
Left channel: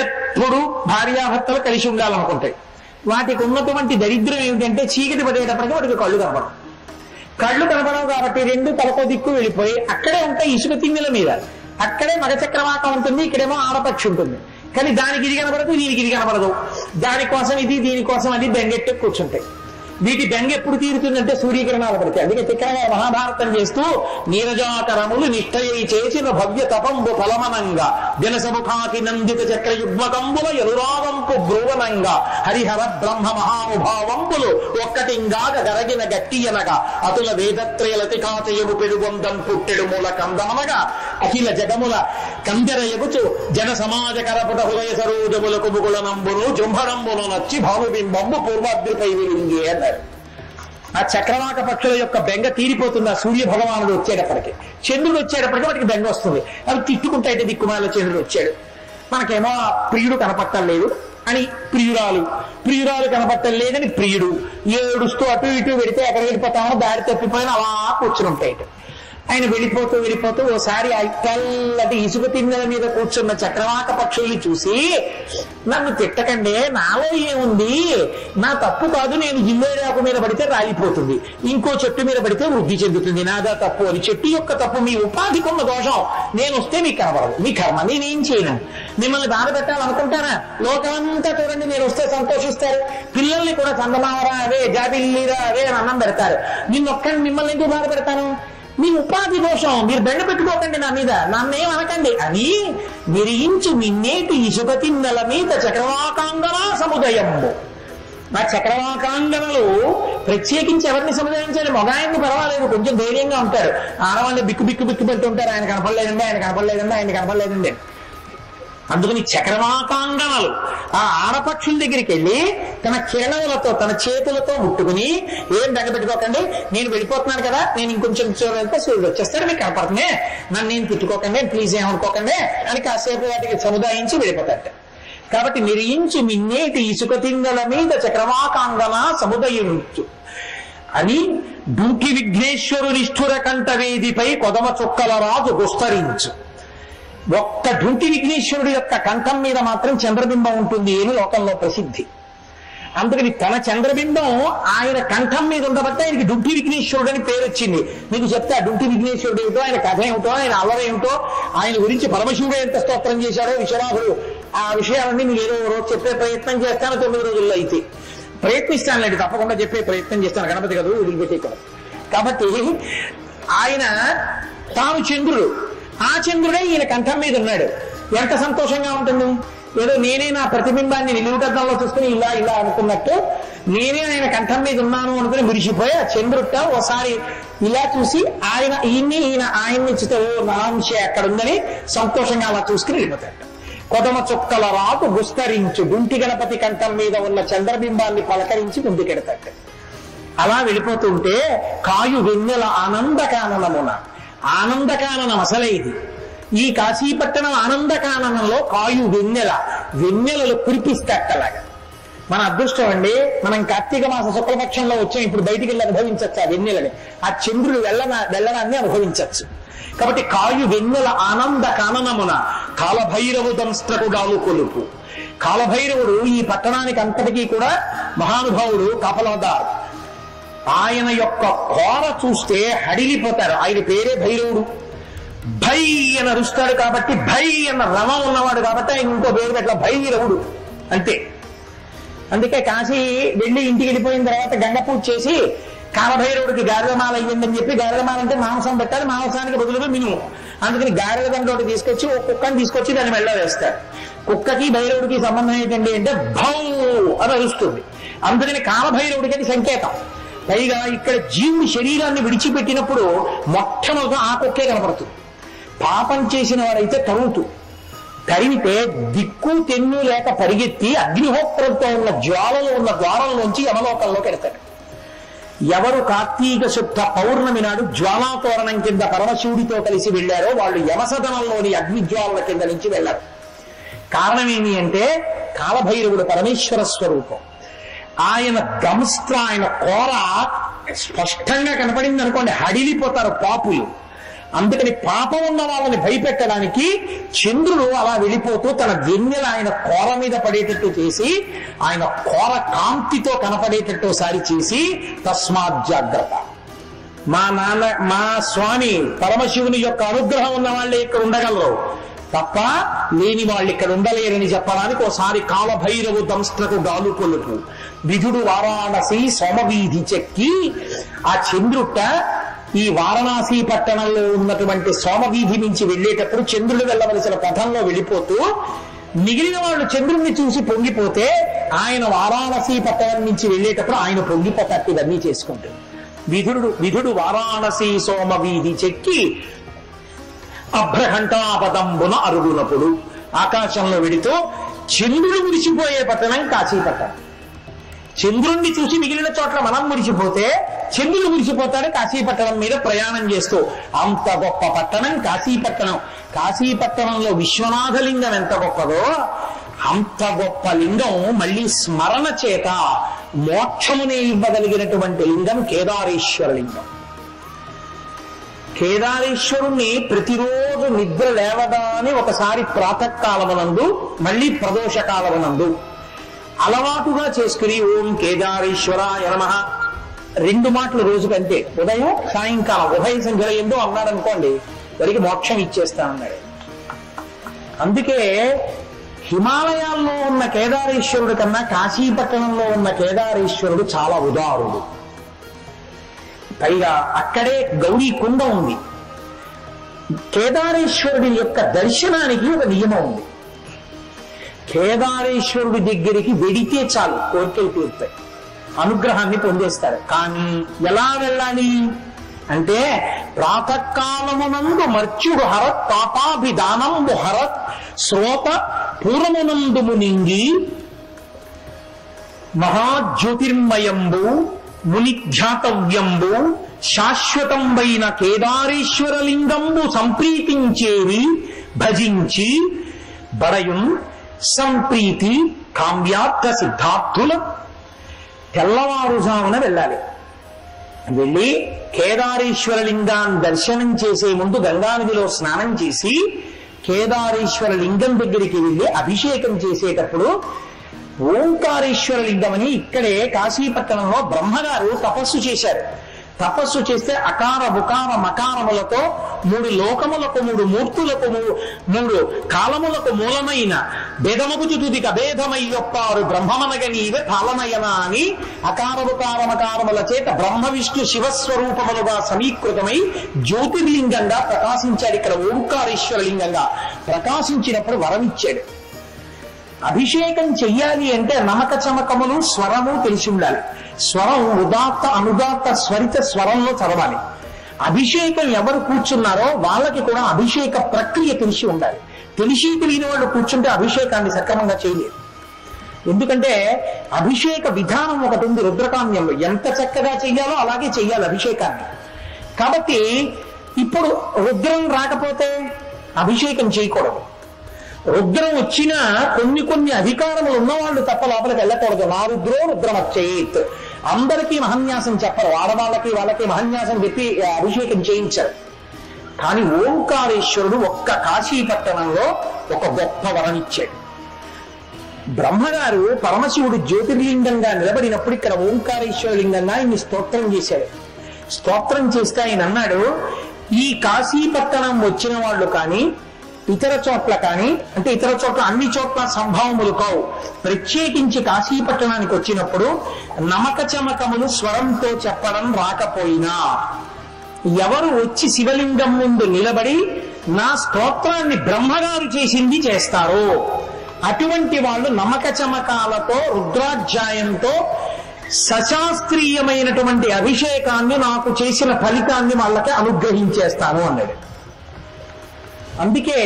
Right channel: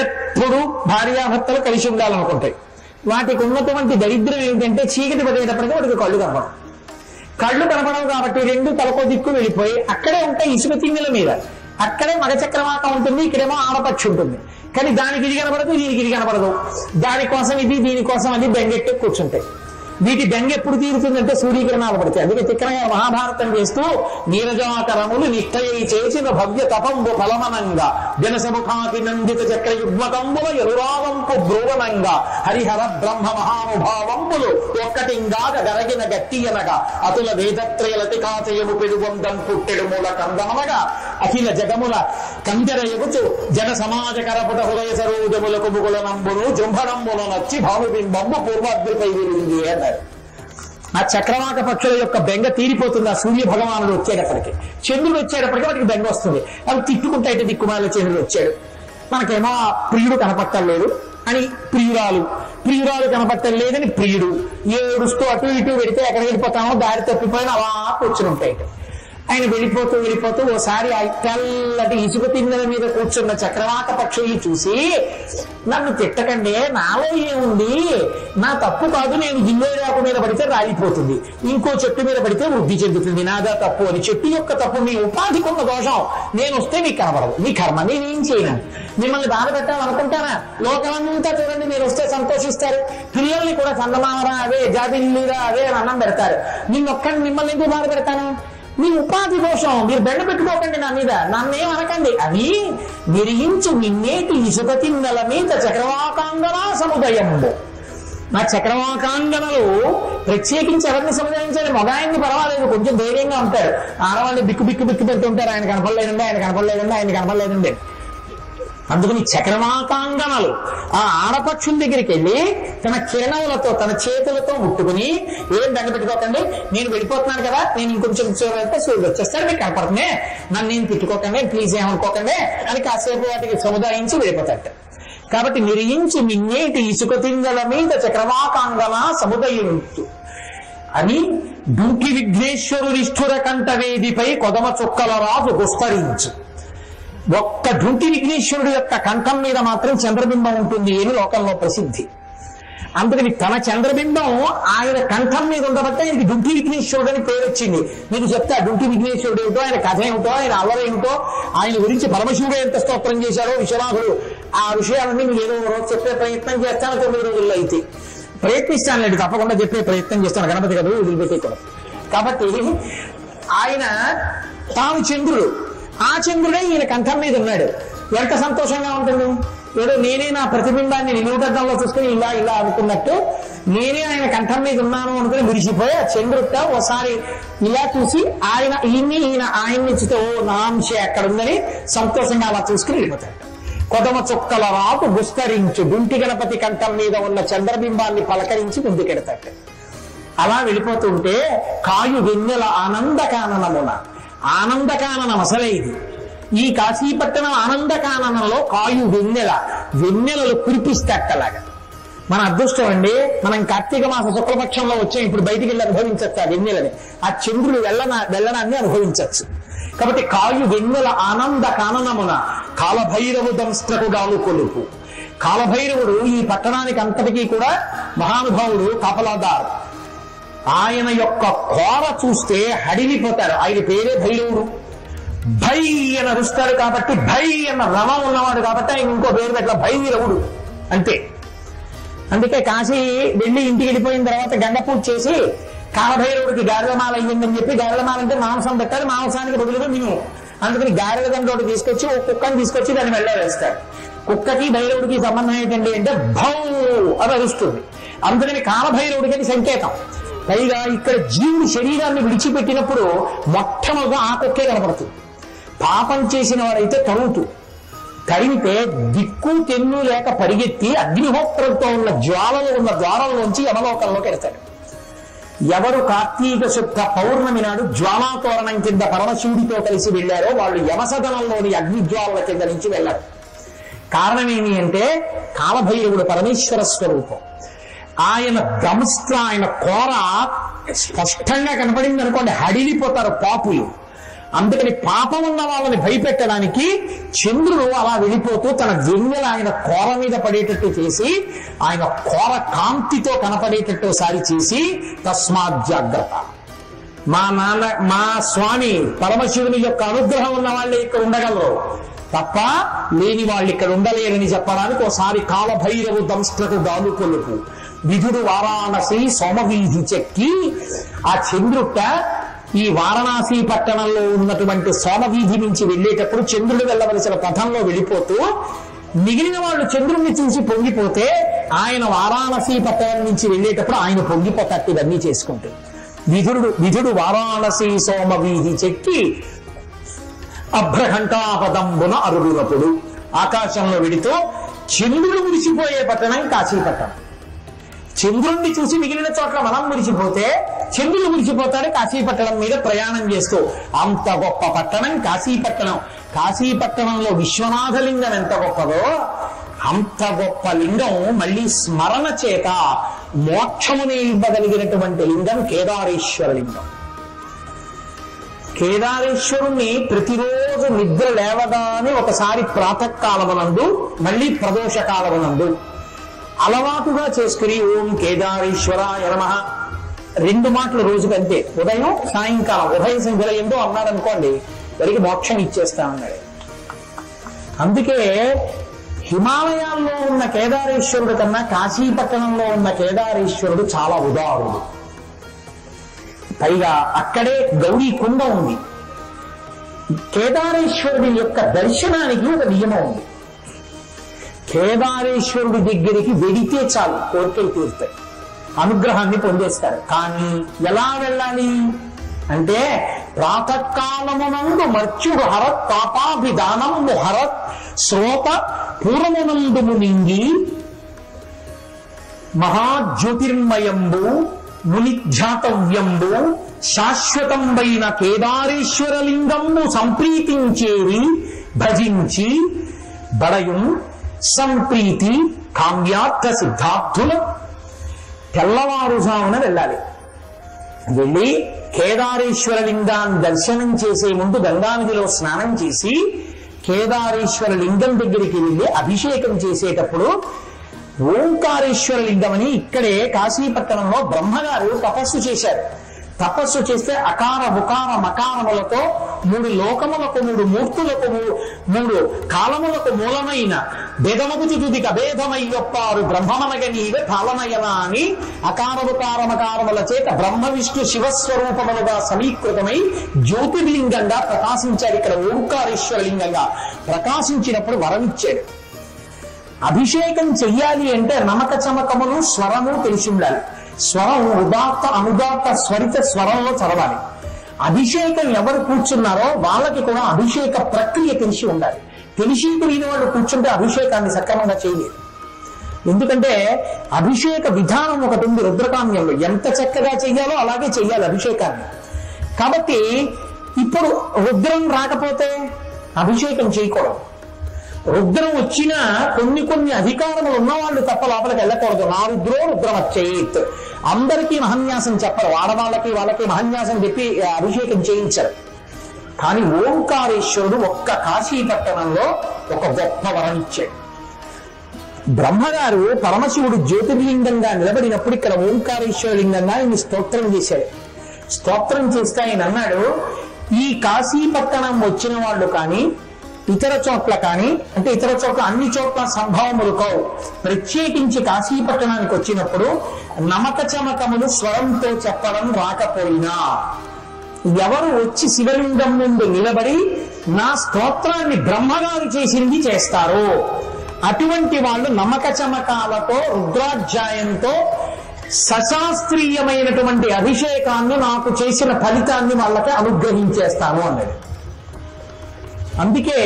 ఎప్పుడు భార్యాభర్తలు కలిసి ఉండాలనుకుంటాయి. వాటికి ఉన్నటువంటి దరిద్రం ఏమిటంటే చీకటి పడేటప్పటికీ వాటికి కళ్ళు కనపడవు కాబట్టి 2 తలకో దిక్కు వెళ్ళిపోయి అక్కడే ఉంటాయి ఇసుక తిన్నెల మీద. అక్కడే మగ చక్రవాక ఉంటుంది, ఇక్కడేమో ఆడపక్షి ఉంటుంది. కానీ దానికి ఇది కనబడదు, దీనికి ఇది కనబడదు. దానికోసం ఇది, దీనికోసం అది బెంగెట్టి కూర్చుంటాయి. వీటి బెంగ ఎప్పుడు తీరుతుందంటే సూర్యకిరణాలు పడతాయి. అందుకే తిక్కనగా మహాభారతం చేస్తూ నీరజాకరములు నిష్టయి చేసిన భవ్య తపంబు ఫలమనంగా జనసముఖాది నందిత చక్ర యుగ్మకంబుల ఎరురావంపు బ్రువనంగా హరిహర బ్రహ్మ మహానుభావంబులు ఒక్కటింగాగ గరగిన గట్టియనగా అతుల వేదత్రయలతి కాచయము పెరుగొంగం పుట్టెడు మూల కందమనగా అఖిల జగముల కంజర ఎగుచు జన సమాజకరపుట హృదయ సరోజములకు ముగుల నంబులు జుంభరంబులు నచ్చి భావబింబమ్మ పూర్వాద్రిపై విలింది అన్నారు. ఆ చక్రవాక పక్షుల యొక్క బెంగ తీరిపోతుంది ఆ సూర్య భగవానుడు వచ్చేటప్పటికి. చంద్రుడు వచ్చేటప్పటికి వాటికి బెంగ వస్తుంది. అవి తిట్టుకుంటే దిక్కుమాల చంద్రుడు వచ్చాడు, మనకేమో ప్రియుడు కనపట్టలేదు అని ప్రియురాలు కనపట్టలేదని ప్రియుడు ఏడుస్తూ అటు ఇటు వెళితే ఎక్కడ వెళ్ళిపోతామో దారి తప్పిపోయిన అలా కూర్చుని ఉంటాయి. ఆయన వెళ్ళిపోతూ ఓసారి ఆ తెల్లటి ఇసుక తిన్నెల మీద కూర్చున్న చక్రవాక పక్షుల్ని చూసి నన్ను తిట్టకండి, నాలో ఏముంది, నా తప్పు కాదు, నేను జిల్లేరాకు మీద పడితే రాలిపోతుంది, ఇంకో చెట్టు మీద పడితే వృద్ధి చెందుతుంది, నాదా తప్పు అని. చెట్టు యొక్క తప్పు మీ ఉపాధికున్న దోషం, నేను వస్తే మీకు కనబడదు, మీ కర్మ, నేనేం చేయను. మిమ్మల్ని బాధ పెట్టాలనుకుంటారా? లోకమంతా చూడండి, మీరు వస్తే సంతోషిస్తారు. పిల్లల్ని కూడా చందమావరా అదే, జాబిల్లీరా అదే అని అన్నం పెడతారు. మిమ్మల్ని ఎందుకు బాధ పెడతాను? మీ ఉపాధి దోషం, మీరు బెండ పెట్టుకోకండి నా మీద, నన్నేం అనకండి అని నిరించు నిన్నేటి ఇసుక తిన్నెల మీద చక్రవాకాంగన సముదయము. నా చక్రవాకాంగనలు ప్రత్యేకించి ఎవరిని సముదాయించాలి? మగాయన్ని పర్వాలేదు, కొంచెం ధైర్యంగా ఉంటారు. ఆడవాళ్ళని బిక్కు పెడుతుంటారు, ఆయన కనపడలేదండి. అందుకని చక్రవాకాంగనలు ఆ ఆడపక్షుల దగ్గరికి వెళ్ళి తన కిరణాలతో తన చేతులతో ముట్టుకుని ఏం దండ పెట్టుకోకండి, నేను వెళ్ళిపోతున్నాను కదా, నేను ఇంకొంచెం చూడాలంటే సూర్యుడు వచ్చేస్తాడు, మీకు కనపడుతుంది, నన్ను నేను తిట్టుకోకండి, ప్లీజ్ ఏమనుకోకండి అని కాసేపు వాటికి సముదాయించి వెళ్ళిపోతాడు. కాబట్టి నిరించు నిన్నేటి ఇసుక తింగల మీద చక్రవాకాంగన సముదయించు అని దుర్గి విఘ్నేశ్వరునిష్ఠుర కంఠవేదిపై కొదమ చుక్కల రాజు గుస్తరించు. ఒక్క ఢుంటి విఘ్నేశ్వరుడు యొక్క కంఠం మీద మాత్రం చంద్రబింబం ఉంటుంది అని లోకంలో ప్రసిద్ధి. అందుకని తన చంద్రబింబం ఆయన కంఠం మీద ఉండబట్టి ఆయనకి ఢుంటి విఘ్నేశ్వరుడు అని పేరు వచ్చింది. మీకు చెప్తే ఆ ఢుంటి విఘ్నేశ్వరుడు ఏమిటో, ఆయన కథ ఏమిటో, ఆయన అల్లరి ఏమిటో, ఆయన గురించి పరమశివుడు ఎంత స్తోత్రం చేశారో విశ్వనాథుడు, ఆ విషయాలన్నీ మీరు ఏదో రోజు చెప్పే ప్రయత్నం చేస్తాను 9 రోజుల్లో. అయితే ప్రయత్నిస్తాను లేదు, తప్పకుండా చెప్పే ప్రయత్నం చేస్తాను. గణపతి కదా వదిలిపెట్టేస్తాను. కాబట్టి ఆయన తాను చంద్రుడు, ఆ చంద్రుడే ఈయన కంఠం మీద ఉన్నాడు. ఎంత సంతోషంగా ఉంటుంది. ఏదో నేనే నా ప్రతిబింబాన్ని నిలువుగడ్డంలో చూసుకుని ఇలా ఇలా అనుకున్నట్టు నేనే ఆయన కంఠం మీద ఉన్నాను అనుకుని మురిసిపోయి ఆ చంద్రుట ఒకసారి ఇలా చూసి ఈయన ఆయన్ని చూస్తే ఓ నాంశే అక్కడ ఉందని సంతోషంగా అలా చూసుకుని వెళ్ళిపోతాడు. కొదమ చుక్కల రాకు విస్తరించు డుంటి గణపతి కంఠం మీద ఉన్న చంద్రబింబాన్ని పలకరించి ముందుకెడతాడు. అలా వెళ్ళిపోతుంటే కాయు వెన్నెల ఆనందకాననమున, ఆనందకాననం అసలైది. ఈ కాశీపట్టణం ఆనందకాననంలో కాయు వెన్నెలలు కురిపిస్తట్టలాగా. మన అదృష్టం అండి, మనం కార్తీక మాస శుక్లపక్షంలో వచ్చాం. ఇప్పుడు బయటికి వెళ్ళి అనుభవించచ్చు ఆ వెన్నెలని, ఆ చంద్రుడు వెళ్ళనాన్ని అనుభవించచ్చు. కాబట్టి కాయు వెన్నెల ఆనంద కాననమున కాలభైరవు దంస్త్రకుగాను కొలుపు. కాలభైరవుడు ఈ పట్టణానికి అంతటికీ కూడా మహానుభావుడు, కాపలాదారు. ఆయన యొక్క కోర చూస్తే హడిలిపోతారు. ఆయన పేరే భైరవుడు. భై అని అరుస్తాడు కాబట్టి, భై అన్న రవం ఉన్నవాడు కాబట్టి ఆయన ఇంకో పేరు అట్లా భైరవుడు అంతే. అందుకే కాశీ వెళ్ళి ఇంటికి వెళ్ళిపోయిన తర్వాత గంగ పూజ చేసి కాలభైరవుడికి గారెలమాల అయ్యిందని చెప్పి, గారెలమాల అంటే మాంసం పెట్టాలి, మాంసానికి బదులుగా మినుము. అందుకని గారెల గంటోటి తీసుకొచ్చి ఒక కుక్కని తీసుకొచ్చి దాన్ని మెల్ల వేస్తారు. కుక్కకి భైరవుడికి సంబంధం ఏంటండి అంటే భౌ అని అరుస్తుంది. అందుకని కాలభైరవుడికి అది సంకేతం. పైగా ఇక్కడ జీవుడు శరీరాన్ని విడిచిపెట్టినప్పుడు మొట్టమొదట ఆ కుక్కే కనపడుతుంది. పాపం చేసిన వారైతే తరిమితే దిక్కు తెన్ను లేక పరిగెత్తి అగ్నిహోత్రంతో ఉన్న జ్వాలలు ఉన్న ద్వారంలోంచి యమలోకంలోకి వెళ్తాడు. ఎవరు కార్తీక శుద్ధ పౌర్ణమి నాడు జ్వాలాతోరణం కింద పరమశివుడితో కలిసి వెళ్ళారో వాళ్ళు యమసదనంలోని అగ్నిజ్వాలల కింద నుంచి వెళ్ళారు. కారణం ఏమి అంటే కాలభైరవుడు పరమేశ్వర స్వరూపం. ఆయన దంస్త్ర, ఆయన కోర స్పష్టంగా కనబడింది అనుకోండి, హడిలిపోతారు పాపులు. అందుకని పాపం ఉన్న వాళ్ళని భయపెట్టడానికి చంద్రుడు అలా వెళ్ళిపోతూ తన వెన్నెల ఆయన కోర మీద పడేటట్టు చేసి, ఆయన కోర కాంతితో కనపడేటట్టు సారి చేసి, తస్మాత్ జాగ్రత్త. మా స్వామి పరమశివుని యొక్క అనుగ్రహం ఉన్న వాళ్ళే ఇక్కడ ఉండగలరు తప్ప లేని వాళ్ళు ఇక్కడ ఉండలేరని చెప్పడానికి ఒకసారి కాలభైరవు దంస్త్రకు గాలు కొలుపు విధుడు వారాణసి సోమవీధి చెక్కి. ఆ చంద్రుట ఈ వారణాసి పట్టణంలో ఉన్నటువంటి సోమవీధి నుంచి వెళ్ళేటప్పుడు చంద్రుడు వెళ్ళవలసిన పథంలో వెళ్ళిపోతూ మిగిలిన వాళ్ళు చంద్రుడిని చూసి పొంగిపోతే ఆయన వారాణసి పట్టణం నుంచి వెళ్ళేటప్పుడు ఆయన పొంగిపోతాడు. ఇవన్నీ చేసుకుంటుంది. విధుడు వారాణసి సోమవీధి చెక్కి అభ్రఘంటాపదంబున అరుగునప్పుడు ఆకాశంలో వెళుతూ చంద్రుడు మురిసిపోయే పట్టణం కాశీపట్టణం. చంద్రుణ్ణి చూసి మిగిలిన చోట్ల మనం మురిసిపోతే చంద్రుడు మురిసిపోతాడు కాశీపట్టణం మీద ప్రయాణం చేస్తూ. అంత గొప్ప పట్టణం కాశీపట్టణం. కాశీపట్టణంలో విశ్వనాథలింగం ఎంత గొప్పదో అంత గొప్ప లింగం మళ్ళీ స్మరణ చేత మోక్షముని ఇవ్వగలిగినటువంటి లింగం కేదారేశ్వర లింగం. కేదారేశ్వరుణ్ణి ప్రతిరోజు నిద్ర లేవగానే ఒకసారి ప్రాతకాలమునందు మళ్ళీ ప్రదోష కాలమునందు అలవాటుగా చేసుకుని ఓం కేదారేశ్వరాయ నమః 2 మాటలు రోజుకంతే, ఉదయం సాయంకాలం, ఉభయ సంఖ్యలో ఏంటో అన్నాడు అనుకోండి, వారికి మోక్షం ఇచ్చేస్తా అన్నాడు. అందుకే హిమాలయాల్లో ఉన్న కేదారేశ్వరుడు కన్నా కాశీపట్టణంలో ఉన్న కేదారేశ్వరుడు చాలా ఉదారుడు. పైగా అక్కడే గౌరీ కుండ ఉంది. కేదారేశ్వరుడి యొక్క దర్శనానికి ఒక నియమం ఉంది. కేదారేశ్వరుడి దగ్గరికి వెడితే చాలు కోరికలు తీరుతాయి, అనుగ్రహాన్ని పొందేస్తారు. కానీ ఎలా వెళ్ళాలి అంటే ప్రాతకాలమునందు మర్చుడు హరత్ తాపాభిదానము హరత్ శ్రోత పూర్వమునందు మునింగి మహాజ్యోతిర్మయంబు మునిధ్యాతవ్యంబు శాశ్వతంబైన కేదారేశ్వరలింగంబు సంప్రీతించేవి భజించి బడయుం సంప్రీతి కామ్యార్థ సిద్ధార్థుల. తెల్లవారుజామున వెళ్ళాలి. వెళ్ళి కేదారేశ్వర లింగాన్ని దర్శనం చేసే ముందు గంగానదిలో స్నానం చేసి కేదారేశ్వర లింగం దగ్గరికి వెళ్ళి అభిషేకం చేసేటప్పుడు ఓంకారేశ్వర లింగం అని ఇక్కడే కాశీపట్టణంలో బ్రహ్మగారు తపస్సు చేశారు. తపస్సు చేస్తే అకార బుకార మకారములతో 3 లోకములకు 3 మూర్తులకు 3 కాలములకు మూలమైన భేదముకు తుదికి అభేదమై ఒప్పారు బ్రహ్మమనగ నీవే పాలనయన అని అకార బుకార మకారముల చేత బ్రహ్మ విష్ణు శివస్వరూపములుగా సమీకృతమై జ్యోతిర్లింగంగా ప్రకాశించాడు. ఇక్కడ ఓంకారేశ్వర లింగంగా ప్రకాశించినప్పుడు వరమిచ్చాడు. అభిషేకం చెయ్యాలి అంటే నమక చమకములు స్వరము తెలిసి ఉండాలి. స్వరం ఉదాత్త అనుదాత్త స్వరిత స్వరంలో చదవాలి. అభిషేకం ఎవరు కూర్చున్నారో వాళ్ళకి కూడా అభిషేక ప్రక్రియ తెలిసి ఉండాలి. తెలిసి తెలియని వాళ్ళు కూర్చుంటే అభిషేకాన్ని సక్రమంగా చేయలేదు. ఎందుకంటే అభిషేక విధానం ఒకటి ఉంది రుద్రకామ్యంలో, ఎంత చక్కగా చెయ్యాలో అలాగే చెయ్యాలి అభిషేకాన్ని. కాబట్టి ఇప్పుడు రుద్రం రాకపోతే అభిషేకం చేయకూడదు. రుద్రం వచ్చినా కొన్ని అధికారములు ఉన్నవాళ్ళు తప్ప లోపలికి వెళ్ళకూడదు. నా రుద్రో రుద్రమచ్చేత్, అందరికీ మహన్యాసం చెప్పరు, వాళ్ళకి మహన్యాసం చెప్పి అభిషేకం చేయించరు. కానీ ఓంకారేశ్వరుడు ఒక్క కాశీపట్టణంలో ఒక గొప్ప వరం ఇచ్చాడు. బ్రహ్మగారు పరమశివుడు జ్యోతిర్లింగంగా నిలబడినప్పుడు ఇక్కడ ఓంకారేశ్వర లింగంగా ఆయన స్తోత్రం చేశాడు. స్తోత్రం చేస్తే ఆయన అన్నాడు, ఈ కాశీపట్టణం వచ్చిన వాళ్ళు కానీ ఇతర చోట్ల కానీ, అంటే ఇతర చోట్ల అన్ని చోట్ల సంభవములు కావు, ప్రత్యేకించి కాశీపట్టణానికి వచ్చినప్పుడు నమక చమకములు స్వరంతో చెప్పడం రాకపోయినా ఎవరు వచ్చి శివలింగం ముందు నిలబడి నా స్తోత్రాన్ని బ్రహ్మగారు చేసింది చేస్తారో అటువంటి వాళ్ళు నమక చమకాలతో రుద్రాధ్యాయంతో సశాస్త్రీయమైనటువంటి అభిషేకాన్ని నాకు చేసిన ఫలితాన్ని వాళ్ళకి అనుగ్రహించేస్తాను అన్నది. అందుకే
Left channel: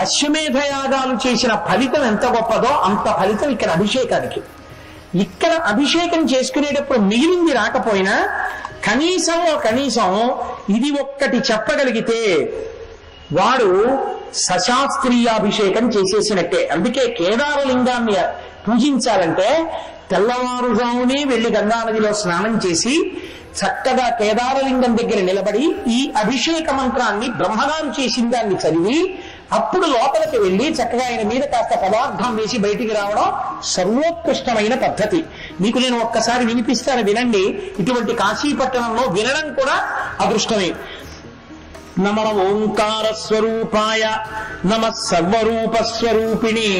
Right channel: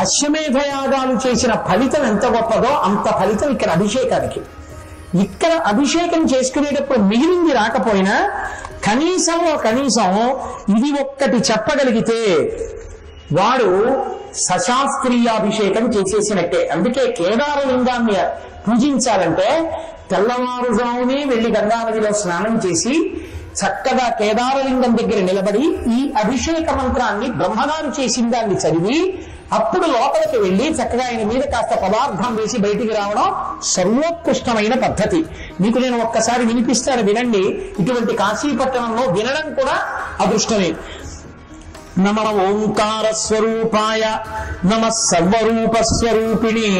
అశ్వమేధయాగాలు చేసిన ఫలితం ఎంత గొప్పదో అంత ఫలితం ఇక్కడ అభిషేకానికి. ఇక్కడ అభిషేకం చేసుకునేటప్పుడు మిగిలింది రాకపోయినా కనీసం ఇది ఒక్కటి చెప్పగలిగితే వాడు సశాస్త్రీయాభిషేకం చేసేసినట్టే. అందుకే కేదారలింగాన్ని పూజించాలంటే తెల్లవారుజామునే వెళ్లి గంగానదిలో స్నానం చేసి చక్కగా కేదారలింగం దగ్గర నిలబడి ఈ అభిషేక మంత్రాన్ని బ్రహ్మగారు చేసిన దాన్ని చదివి అప్పుడు లోపలికి వెళ్ళి చక్కగా ఆయన మీద కాస్త పదార్థం వేసి బయటికి రావడం సర్వోత్కృష్టమైన పద్ధతి. మీకు నేను ఒక్కసారి వినిపిస్తాను, వినండి. ఇటువంటి కాశీపట్టణంలో వినడం కూడా అదృష్టమే. నమ ఓంకార స్వరూపాయ నమ సర్వరూప స్వరూపిణి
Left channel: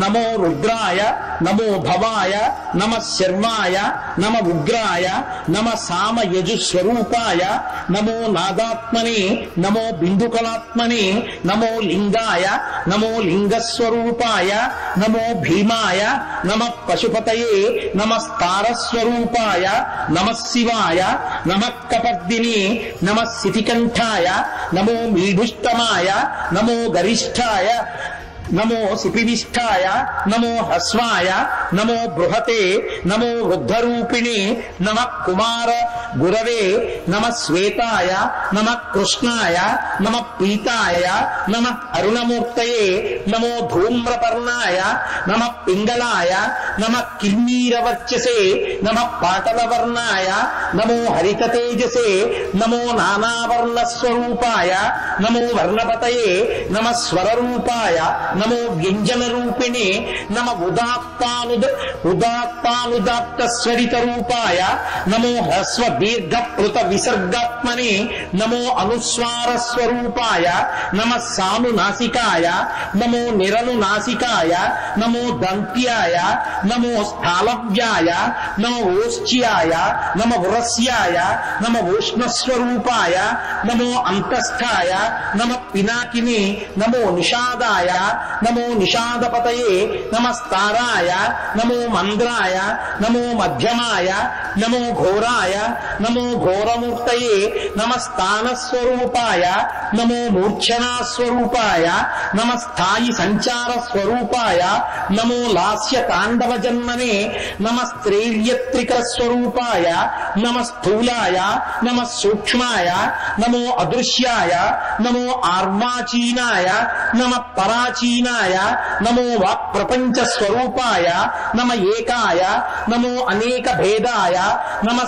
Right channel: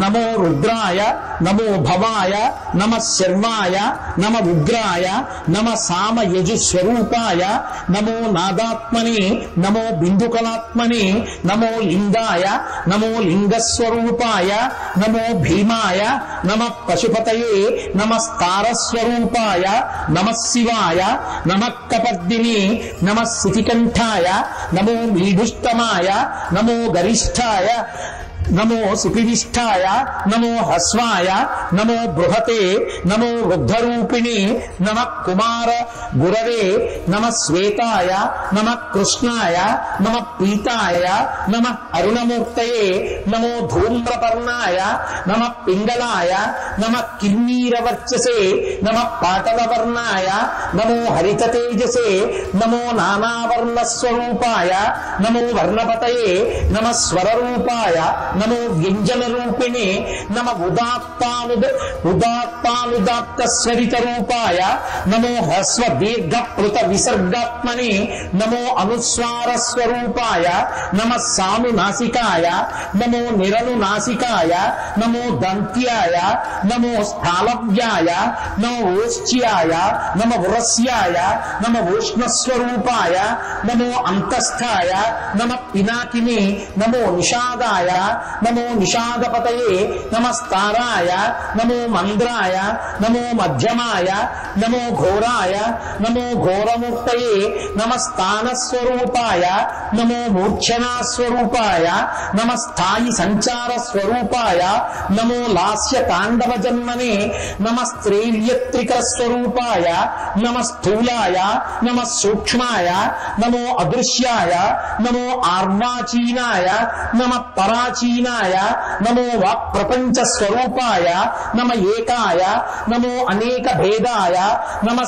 నమో రుద్రాయ నమో భవాయ నమ శర్వాయ నమ ఉగ్రాయ నమ సామ యజుస్వరూపాయ నమో నాదాత్మని నమో బిందుకలాత్మని నమో లింగాయ నమో లింగస్వరూపాయ నమో భీమాయ నమ పశుపతయే నమస్తారస్వరూపాయ నమ శివాయ నమ కపర్దిని నమ శితికంఠాయ నమో మీఢుష్టమాయ నమో గరిష్ఠాయ నమో సుపివిష్ఠాయ నమో హస్వాయ నమో బృహతే నమో వృద్ధరూపిణి నమ కుమార గురవే నమ శ్వేతాయ నమ కృష్ణాయ నమ పీతాయ నమ అరుణమూర్తయే నమో ధూమ్రపర్ణాయ నమ పింగళాయ నమ కిన్నీరవర్చసే నమ పాటలవర్ణాయ నమో హరితతేజసే నమో నానావర్ణస్వరూపాయ నమో వర్ణపతయే నమ స్వరరూపాయ నమో వ్యంజన రూపిణి నమ ఉదాత్తానుదాత్త స్వరిత రూపాయ నమో హ్రస్వ దీర్ఘ పృత విసర్గాత్మని నమో అనుస్వార స్వరూపాయ నమ సానునాసికాయ నమో నిరనునాసికాయ నమో దంత్యాయ నమో స్థాలవ్యాయ నమో ఓష్ట్యాయ నమ ఉరస్యాయ నమ ఉష్ణస్వరూపాయ నమో అంతస్థాయ నమ పినాకిని నమో నిషాదాయ నమో నిషాదపతయే నమస్తారాయ నమో మంద్రాయ నమో మధ్యమాయ నమో ఘోరాయ నమో ఘోరమూర్తయే నమ స్థానస్వరూపాయ నమో మూర్ఛనాస్వరూపాయ నమ స్థాయి సంచార స్వరూపాయ నమో లాస్య తాండవ జన్మనే నమ స్త్రైర్యత్రిక స్వరూపాయ నమ స్థూలాయ నమ సూక్ష్మాయ నమో అదృశ్యాయ నమో ఆర్వాచీనాయ నమ పరాచీనాయ నమో వాక్ ప్రపంచ స్వరూపాయ నమ ఏకాయ నమో అనేక భేదాయ నమ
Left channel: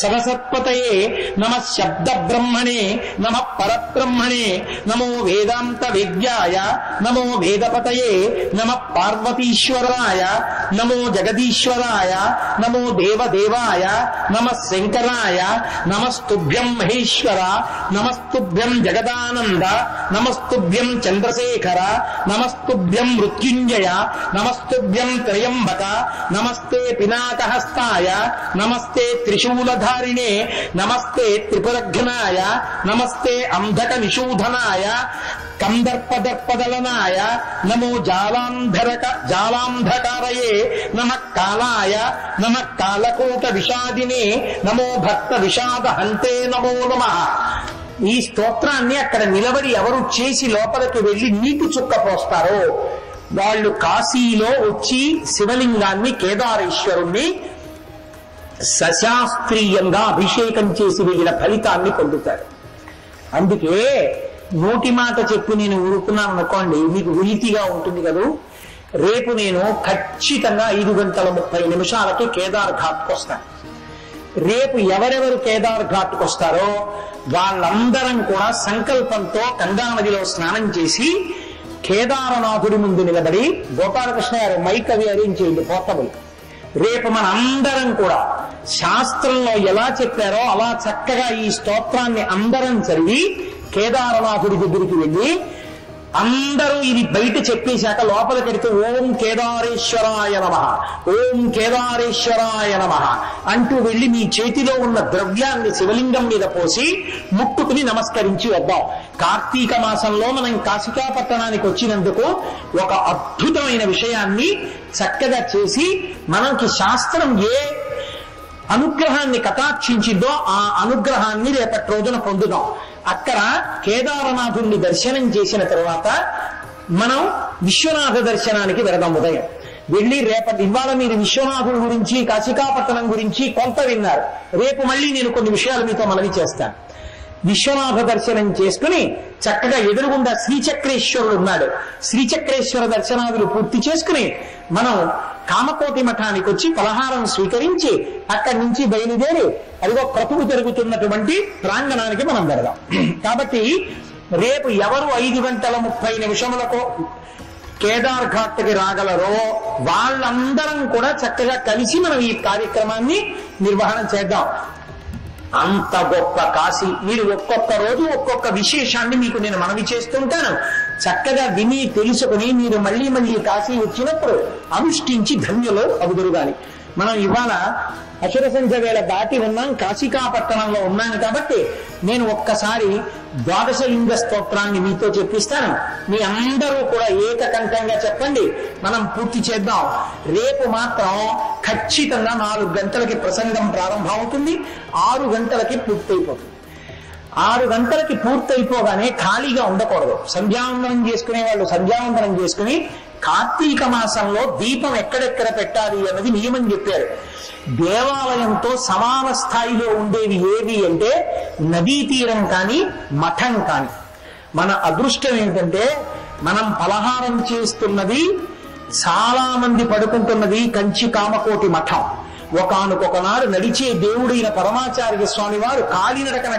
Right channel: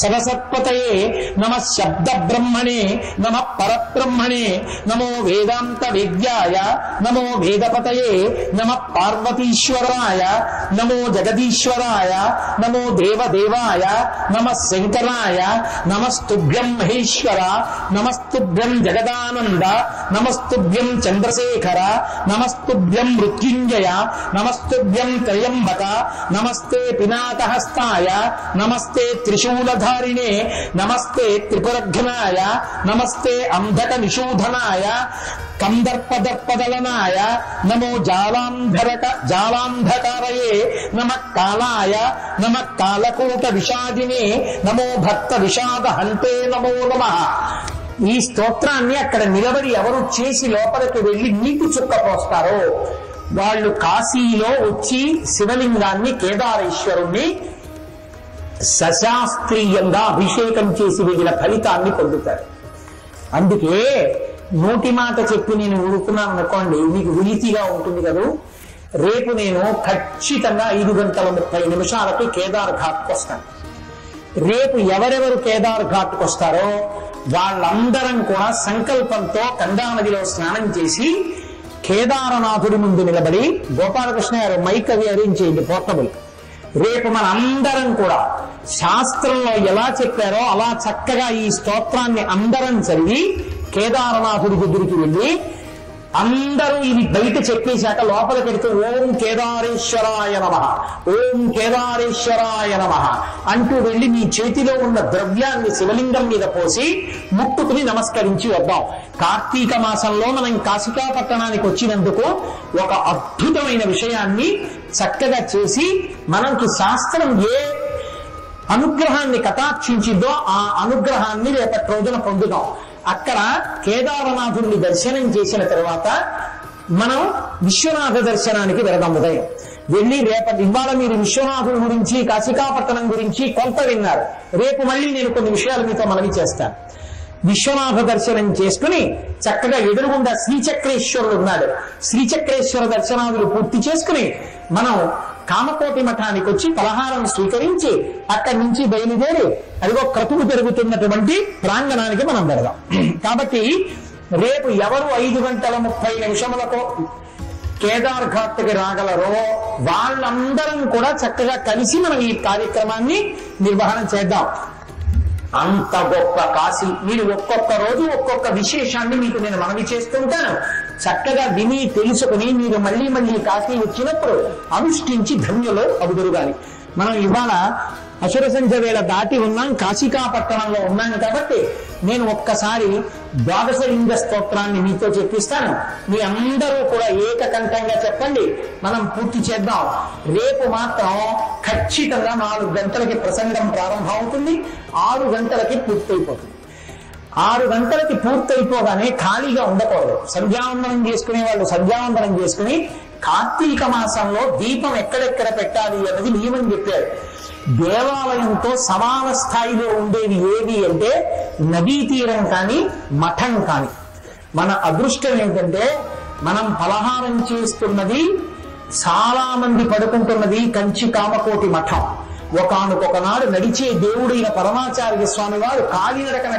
సదసత్పతయే నమ శబ్ద బ్రహ్మణే నమ పరబ్రహ్మణే నమో వేదాంత విద్యాయ నమో వేదపతయే నమ పార్వతీశ్వరాయ నమో జగదీశ్వరాయ నమో దేవదేవాయ నమ శంకరాయ నమస్తుభ్యం మహేశ్వర నమస్తుభ్యం జగదానంద నమస్తుభ్యం చంద్రశేఖర నమస్తుభ్యం మృత్యుంజయ నమస్తుభ్యం త్రయంబక నమస్తే పినాకహస్తాయ నమస్తే త్రిశూలధారిణే నమస్తే త్రిపురఘ్నాయ నమస్తే అంధక విశూధనాయ కందర్పదర్పదలనాయ నమో జాలాంధకారయే నమ కాలాయ నమ కాలకూట విషాదినే నమో భక్త విషాద హంతే నమో నమః. ఈ స్తోత్రాన్ని అక్కడ నిలబడి ఎవరు చేసి లోపలికి వెళ్లి నీటి చుక్క పోస్తారో వాళ్ళు కాశీలో వచ్చి శివలింగాన్ని కేదారేశ్వరుణ్ణి సశాస్త్రీయంగా అభిషేకం చేసి వెళ్ళిన ఫలితాన్ని పొందుతారు. అందుకే నోటి మాట చెప్పి నేను ఊరుకున్నాను అనుకోండి, మీకు విలితిగా ఉంటుంది కదా. రేపు నేను ఖచ్చితంగా 5:30 కేదార్ ఘాట్కి వస్తాను. రేపు ఎవరెవరు కేదార్ ఘాట్కి వస్తారో వాళ్ళందరం కూడా సంకల్పంతో గంగా నదిలో స్నానం చేసి కేదారనాథుడి ముందు నిలబడి, గోపాలకృష్ణ గారు మైక్ అవి అరేంజ్ చేయండి పోర్టబుల్. రేపు మన అందరం కూడా శాస్త్రంలో ఎలా చెప్పారో అలా చక్కగా ఈ స్తోత్రాన్ని అందరం చదివి కేదారనాథుడి దగ్గరికి వెళ్ళి అందరూ ఇది బయట చెప్పేశాక లోపల పెడితే ఓం కేదారేశ్వరాయ నమః, ఓం కేదారేశ్వరాయ నమః అంటూ వెళ్ళి మీ చేతిలో ఉన్న ద్రవ్యాన్ని శివలింగం మీద పోసి ముక్కుకుని నమస్కరించి వద్దాం. కార్తీక మాసంలో మనం కాశికా పట్టణానికి వచ్చినందుకు ఒక అద్భుతమైన విషయాన్ని చక్కగా చేసి మనకి శాస్త్రం ఏ అనుగ్రహాన్ని కటాక్షించిందో ఆ అనుగ్రహాన్ని రేపటి రోజున పొందుదాం. అక్కడ కేదారనాథుడిని దర్శనం చేసిన తర్వాత మనం విశ్వనాథ దర్శనానికి వెళదాం. ఉదయం వెళ్ళి ఇవాళ మీరు విశ్వనాథుడి గురించి కాశికాపట్టణం గురించి కొంత విన్నారు. రేపు మళ్ళీ నేను కొన్ని విషయాలు మీతో మనవి చేస్తాను. విశ్వనాథ దర్శనం చేసుకుని చక్కగా ఎదురుగుండా శ్రీచక్రేశ్వరుడు ఉన్నాడు. శ్రీచక్రేశ్వర దర్శనాదులు పూర్తి చేసుకుని మనం కామకోటి మఠానికి వచ్చి పలహారం స్వీకరించి అక్కడి నుంచి బయలుదేరి అదిగో క్రతువు జరుగుతున్నటువంటి ప్రాంగణానికి మనం వెళదాం. కాబట్టి రేపు ఎవరు 5:30 కేదార్ ఘాట్కి రాగలరో వాళ్ళందరం కూడా చక్కగా కలిసి మనం ఈ కార్యక్రమాన్ని నిర్వహణ చేద్దాం. అంత గొప్ప కాశీ. మీరు ఒక్కొక్క రోజు ఒక్కొక్క విశేషాన్ని మీకు నేను మనవి చేస్తుంటాను. చక్కగా విని తెలుసుకుని మీరు మళ్ళీ మళ్ళీ కాశీ వచ్చినప్పుడు అనుష్ఠించి ధన్యులు అవుదురుగాలి. మనం ఇవాళ అసుర సంధ్య వేళ దాటి ఉన్నాం, కాశికాపట్టణంలో ఉన్నాం. కాబట్టి నేను ఒక్కసారి 12 లింగ స్తోత్రాన్ని మీతో చెప్పిస్తాను. మీ అందరూ కూడా ఏకకంఠంగా చెప్పండి, మనం పూర్తి చేద్దాం. రేపు మాత్రం ఖచ్చితంగా 4 గంటలకి ప్రసంగం ప్రారంభం అవుతుంది, 6 గంటలకి పూర్తయిపోతుంది. 6 గంటలకి పూర్తయిపోగానే ఖాళీగా ఉండకూడదు. సంధ్యావందనం చేసుకునే వాళ్ళు సంధ్యావందనం చేసుకుని కార్తీక మాసంలో దీపం ఎక్కడెక్కడ పెట్టాలి అన్నది నియమం చెప్పారు. దేవాలయంతో సమాన స్థాయిలో ఉండేవి ఏవి అంటే నదీ తీరం కానీ మఠం కానీ. మన అదృష్టం ఏంటంటే మనం పలహారం చేస్తున్నది, చాలా మంది పడుకుంటున్నది కంచి కామకోటి మఠం. ఒకనొకనాడు నడిచే దేవుడైన పరమాచార్య స్వామి వారు కాలినడకన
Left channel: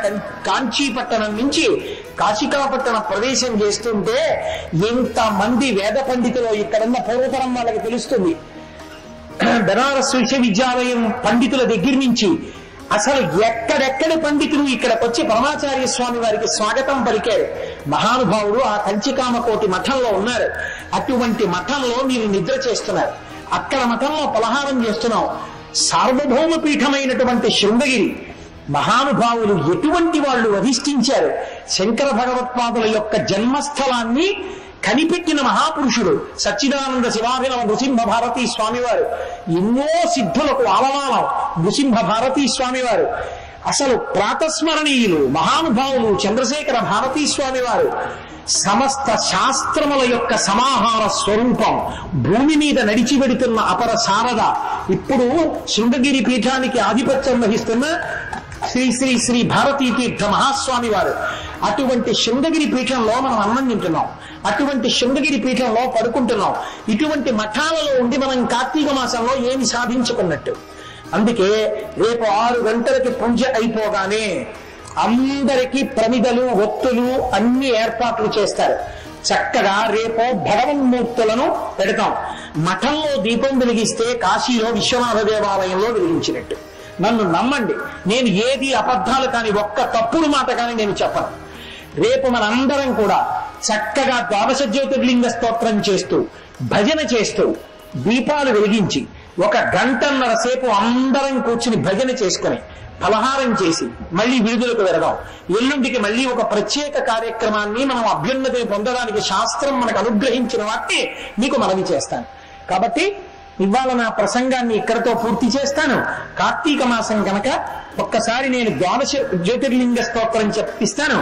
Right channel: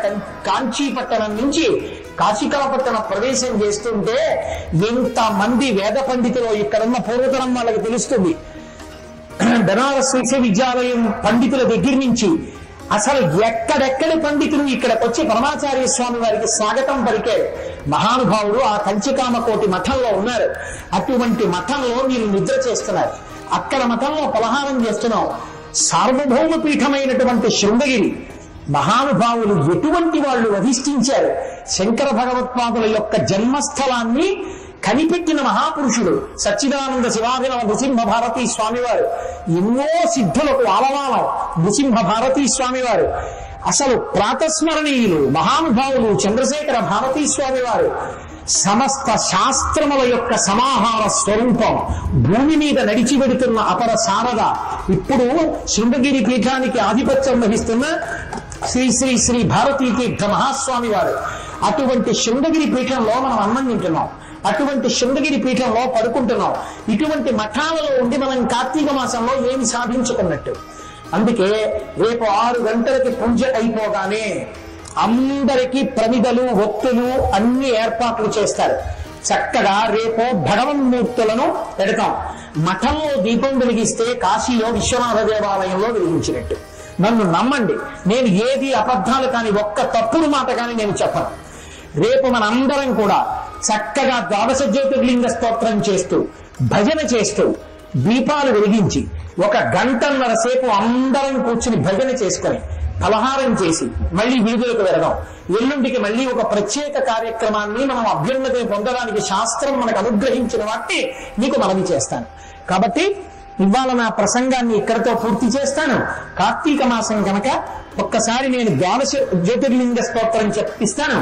కాంచీపట్టణం నుంచి కాశికాపట్టణం ప్రవేశం చేస్తుంటే ఎంతమంది వేద పండితులు ఇక్కడున్న పూర్వతరం వాళ్ళకి తెలుస్తుంది. బనారస్ విశ్వవిద్యాలయం పండితుల దగ్గర నుంచి అసలు ఎక్కడెక్కడ పండితులు ఇక్కడికి వచ్చి పరమాచార్య స్వామి వారికి స్వాగతం పలికారు. మహానుభావుడు ఆ కంచికామకోటి మఠంలో ఉన్నారు. అటువంటి మఠంలో మీరు నిద్ర చేస్తున్నారు, అక్కడ మఠంలో పలహారం చేస్తున్నాం. సార్వభౌమ పీఠమైనటువంటి శృంగగిరి మహానుభావులు ఎటువంటి వాళ్ళు అధిష్ఠించారు. శంకర భగవత్పాదుల యొక్క జన్మస్థలాన్ని కనిపెట్టిన మహాపురుషులు సచ్చిదానంద శివాభినవ నృసింహ భారతీ స్వామివారు. ఎన్నో సిద్ధులకు ఆలవాలం నృసింహ భారతీ స్వామివారు. అసలు ప్రాతస్మరణీయులు మహానుభావులు చంద్రశేఖర భారతీ స్వామివారు. సమస్త శాస్త్రముల యొక్క సమాహార స్వరూపం, భూమి మీద నడిచి వెడుతున్న అపర శారద, ఇప్పుడు శృంగగిరి పీఠానికి ఆధిపత్యం వహిస్తున్న శ్రీ శ్రీ శ్రీ భారతీ తీర్థ మహాస్వామి వారు. అటువంటి శృంగగిరి పీఠంలో మనం అన్నం తింటున్నాం, అటువంటి శృంగగిరి పీఠంలో పడుకుంటున్నాం. ఇటువంటి మఠాలలో ఉంటే మనం కార్తీక మాసంలో ఏమి సాధించుకున్నట్టు. అందుకే రేపు 6 గంటలకి పూజ అయిపోగానే అందరికీ ప్రమిదలు, ఒత్తులు అన్ని ఏర్పాట్లు చేస్తారు. చక్కగా రేపు భగవన్మూర్తులను పెడతాం. మఠంలో దీపం వెలిగిస్తే కాశీలో విశ్వనాథ దేవాలయంలో వెలిగించినట్టు. నన్ను నమ్మండి, నేను ఏది అబద్ధాలు కానీ ఒక్క తప్పుడు మాట కానీ నేను చెప్పను. రేపు మనందరం కూడా చక్కగా ద్వాదశ జ్యోతిర్లింగ స్తోత్రం చేస్తూ, భజన చేస్తూ, దీపాలు వెలిగించి 1 గంటన్నర సేపు అందరం కూర్చుని భజన చేసుకొని ఫలహారం చేసి మళ్ళీ వీధులకు వెళదాం. ఎల్లుండికి మళ్ళీ ఒక ప్రత్యేక కార్యక్రమాన్ని మనం అభ్యున్నతి పొందడానికి శాస్త్రం మనకు అనుగ్రహించిన వాటిని మీకు మనవి చేస్తాను. కాబట్టి ఇవాళ నా ప్రసంగాన్ని ఇక్కడితో పూర్తి చేస్తాను. కార్తీక మాసం కనుక ఒక్కసారి నేను ద్వాదశ జ్యోతిర్లింగ స్తోత్రం చెప్పిస్తాను.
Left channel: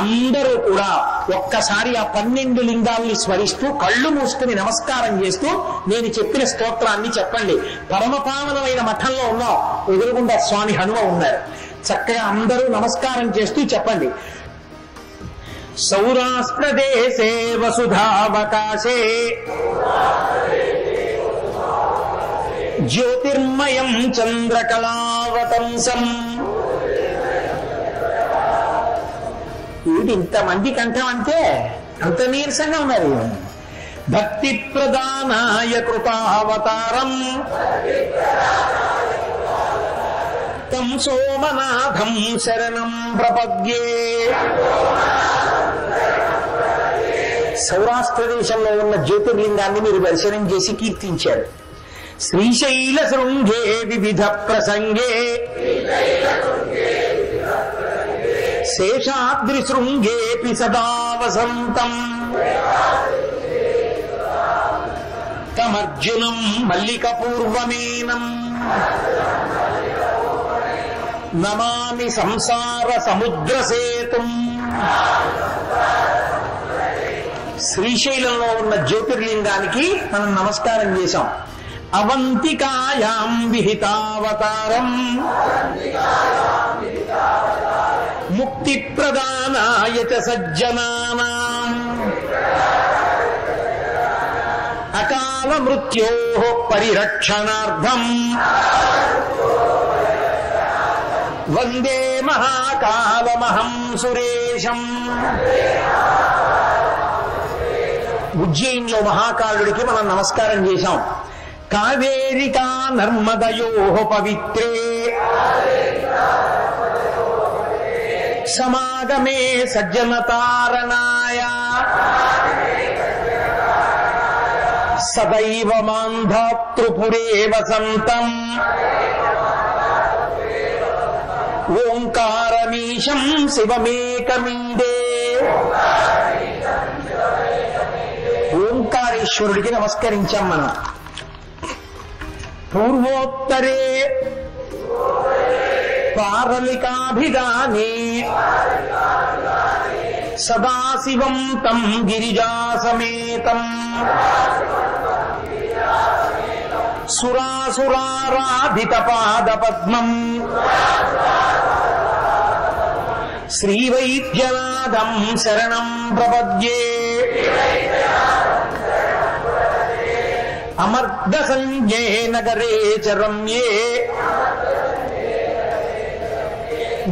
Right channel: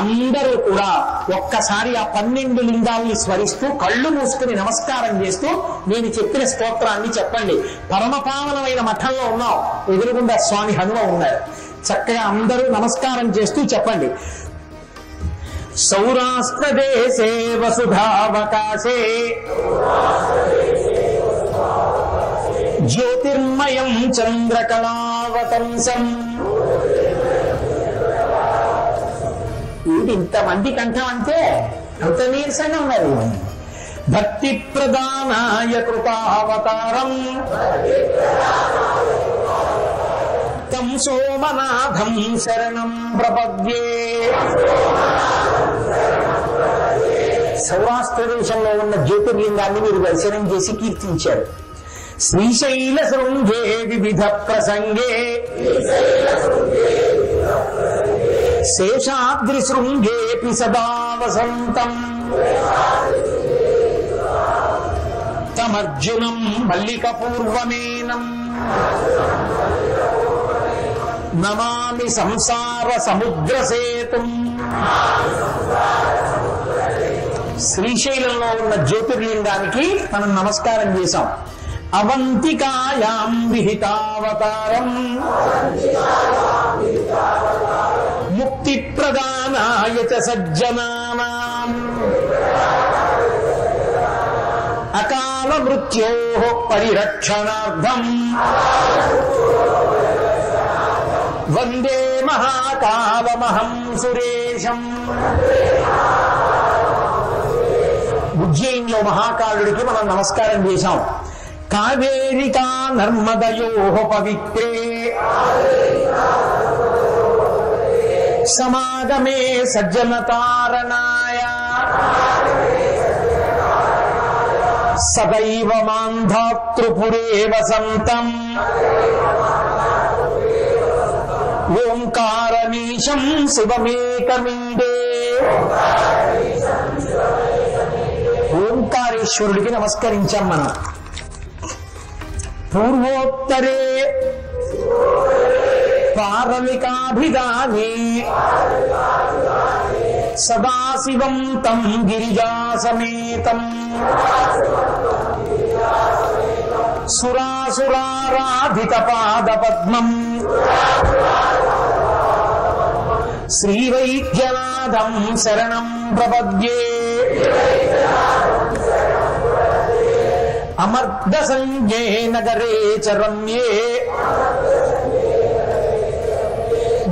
అందరూ కూడా ఒక్కసారి ఆ 12 లింగాల్ని స్మరిస్తూ కళ్ళు మూసుకుని నమస్కారం చేస్తూ నేను చెప్పిన స్తోత్రాన్ని చెప్పండి. పరమపావనమైన మఠంలో ఉన్నాం, ఎదురుగుండా స్వామి హనుమ ఉన్నారు. చక్కగా అందరూ నమస్కారం చేస్తూ చెప్పండి. సౌరాష్ట్ర దేశే వసుధావకాశే జ్యోతిర్మయం చంద్రకళావతంసం. ఇంతమంది కంఠం అంటే అంత నీరసంగా ఉన్నారు. భక్తి ప్రధానాయ కృపావతారం తం సోమనాథం శరణం ప్రపద్యే. సౌరాష్ట్ర దేశంలో ఉన్న జ్యోతిర్లింగాన్ని మీరు దర్శనం చేసి కీర్తించారు. శ్రీశైల శృంగే వివిధ ప్రసంగే శేషాద్రి శృంగేపి సదా వసంతం తమర్జునం మల్లిక పూర్వమేనం నమామి సంసార సముద్ర సేతుం. శ్రీశైలంలో ఉన్న జ్యోతిర్లింగానికి మనం నమస్కారం చేశాం. అవంతికాయాం విహితావతారం ముక్తి ప్రదానాయ చ సజ్జనానాం అకాల మృత్యోః పరిరక్షణార్థం వందే మహాకాలమహం సురేశం. ఉజ్జయినిలో మహాకాలుడికి మనం నమస్కారం చేశాం. కావేరికా నర్మదయోః పవిత్రే సమాగమే సజ్జనతారణాయ సదైవ మాంధాతృపురే వసంతం ఓంకారమీశం శివమేకమిందే. ఓంకారేశ్వరుడికి నమస్కరించాం మనం. పూర్వోత్తరే పారలికాభిధానే సదాశివం తం గిరిజాసమేతం సురాసురారాధిత పాదపద్మం శ్రీవైద్యనాథం శరణం ప్రపద్యే. అమర్ద సంజే నగరే చ రమ్యే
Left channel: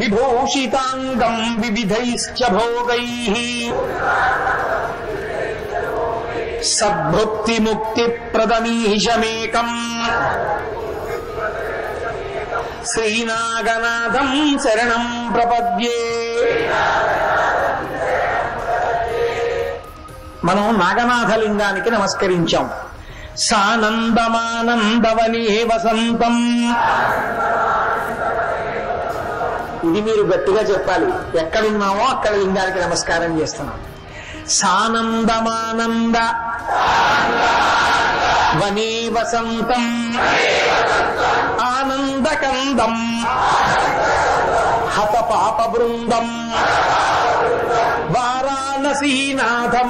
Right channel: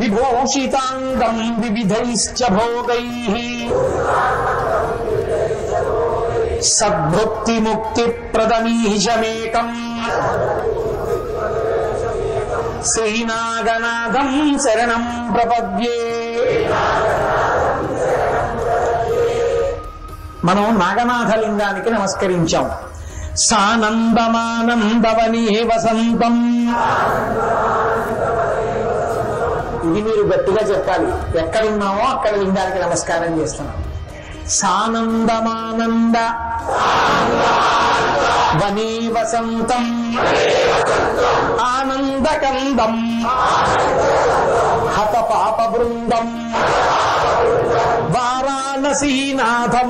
విభూషితాంగం వివిధైశ్చ భోగైః సద్భక్తి ముక్తి ప్రదమీశమేకం శ్రీనాగనాథం శరణం ప్రపద్యే. మనం నాగనాథలింగానికి నమస్కరించాం. సానందమానందవనీ వసంతం. ఇది మీరు గట్టిగా చెప్పాలి. ఎక్కడున్నామో అక్కడ లింగానికి నమస్కారం చేస్తున్నాం. సానందమానంద వనీ వసంతం ఆనందకందం హత పాప బృందం వారాణ మానసీనాథమనాథనాథం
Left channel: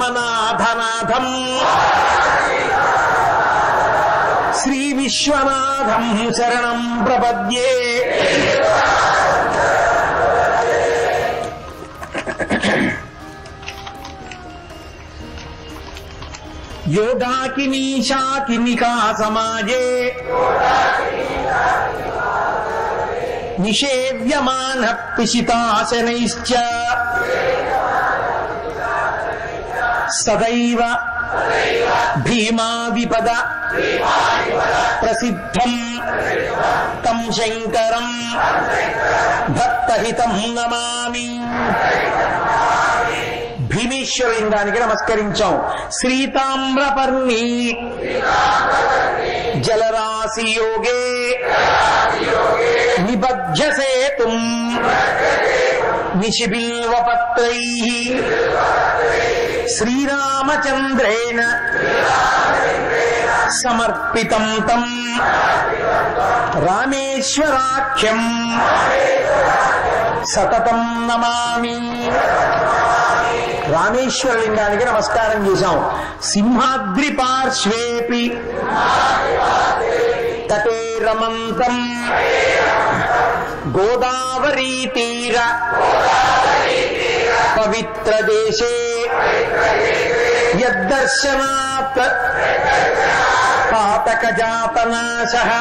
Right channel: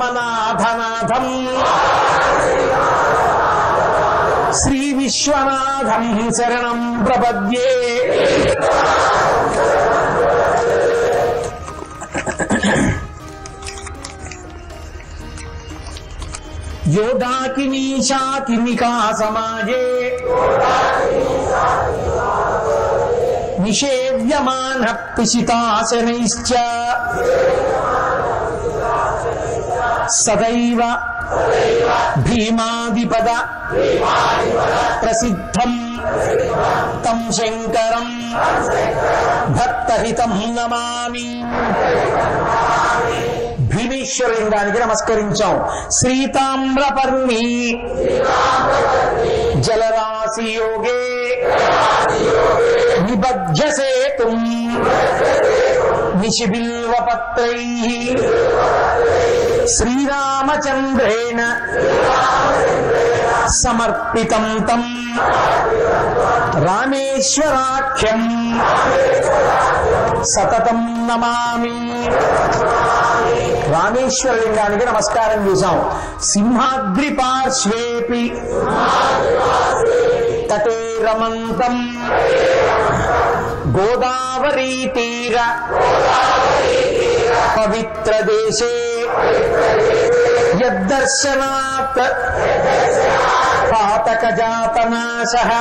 శ్రీ విశ్వనాథం శరణం ప్రపద్యే. యోగాకినీ శాకినికా సమాజే నిషేవ్యమాన పిశితాశనైశ్చ సదైవ భీమాదిపద ప్రసిద్ధం తం శంకరం భక్తహితం నమామి. భీమేశ్వరలింగానికి నమస్కరించాం. శ్రీతామ్రపర్ణి జలరాశి యోగే నిబధ్యసేతుం నిశిబిల్వపత్రైః శ్రీరామచంద్రేణ సమర్పితం తం రామేశ్వరాఖ్యం సతతం నమామి. రామేశ్వరలింగానికి నమస్కారం చేశాం. సింహాద్రి పార్శ్వేపి తటే రమంతం గోదావరీ తీర పవిత్ర దేశే యద్దర్శనాత్ పాతక జాతనాశః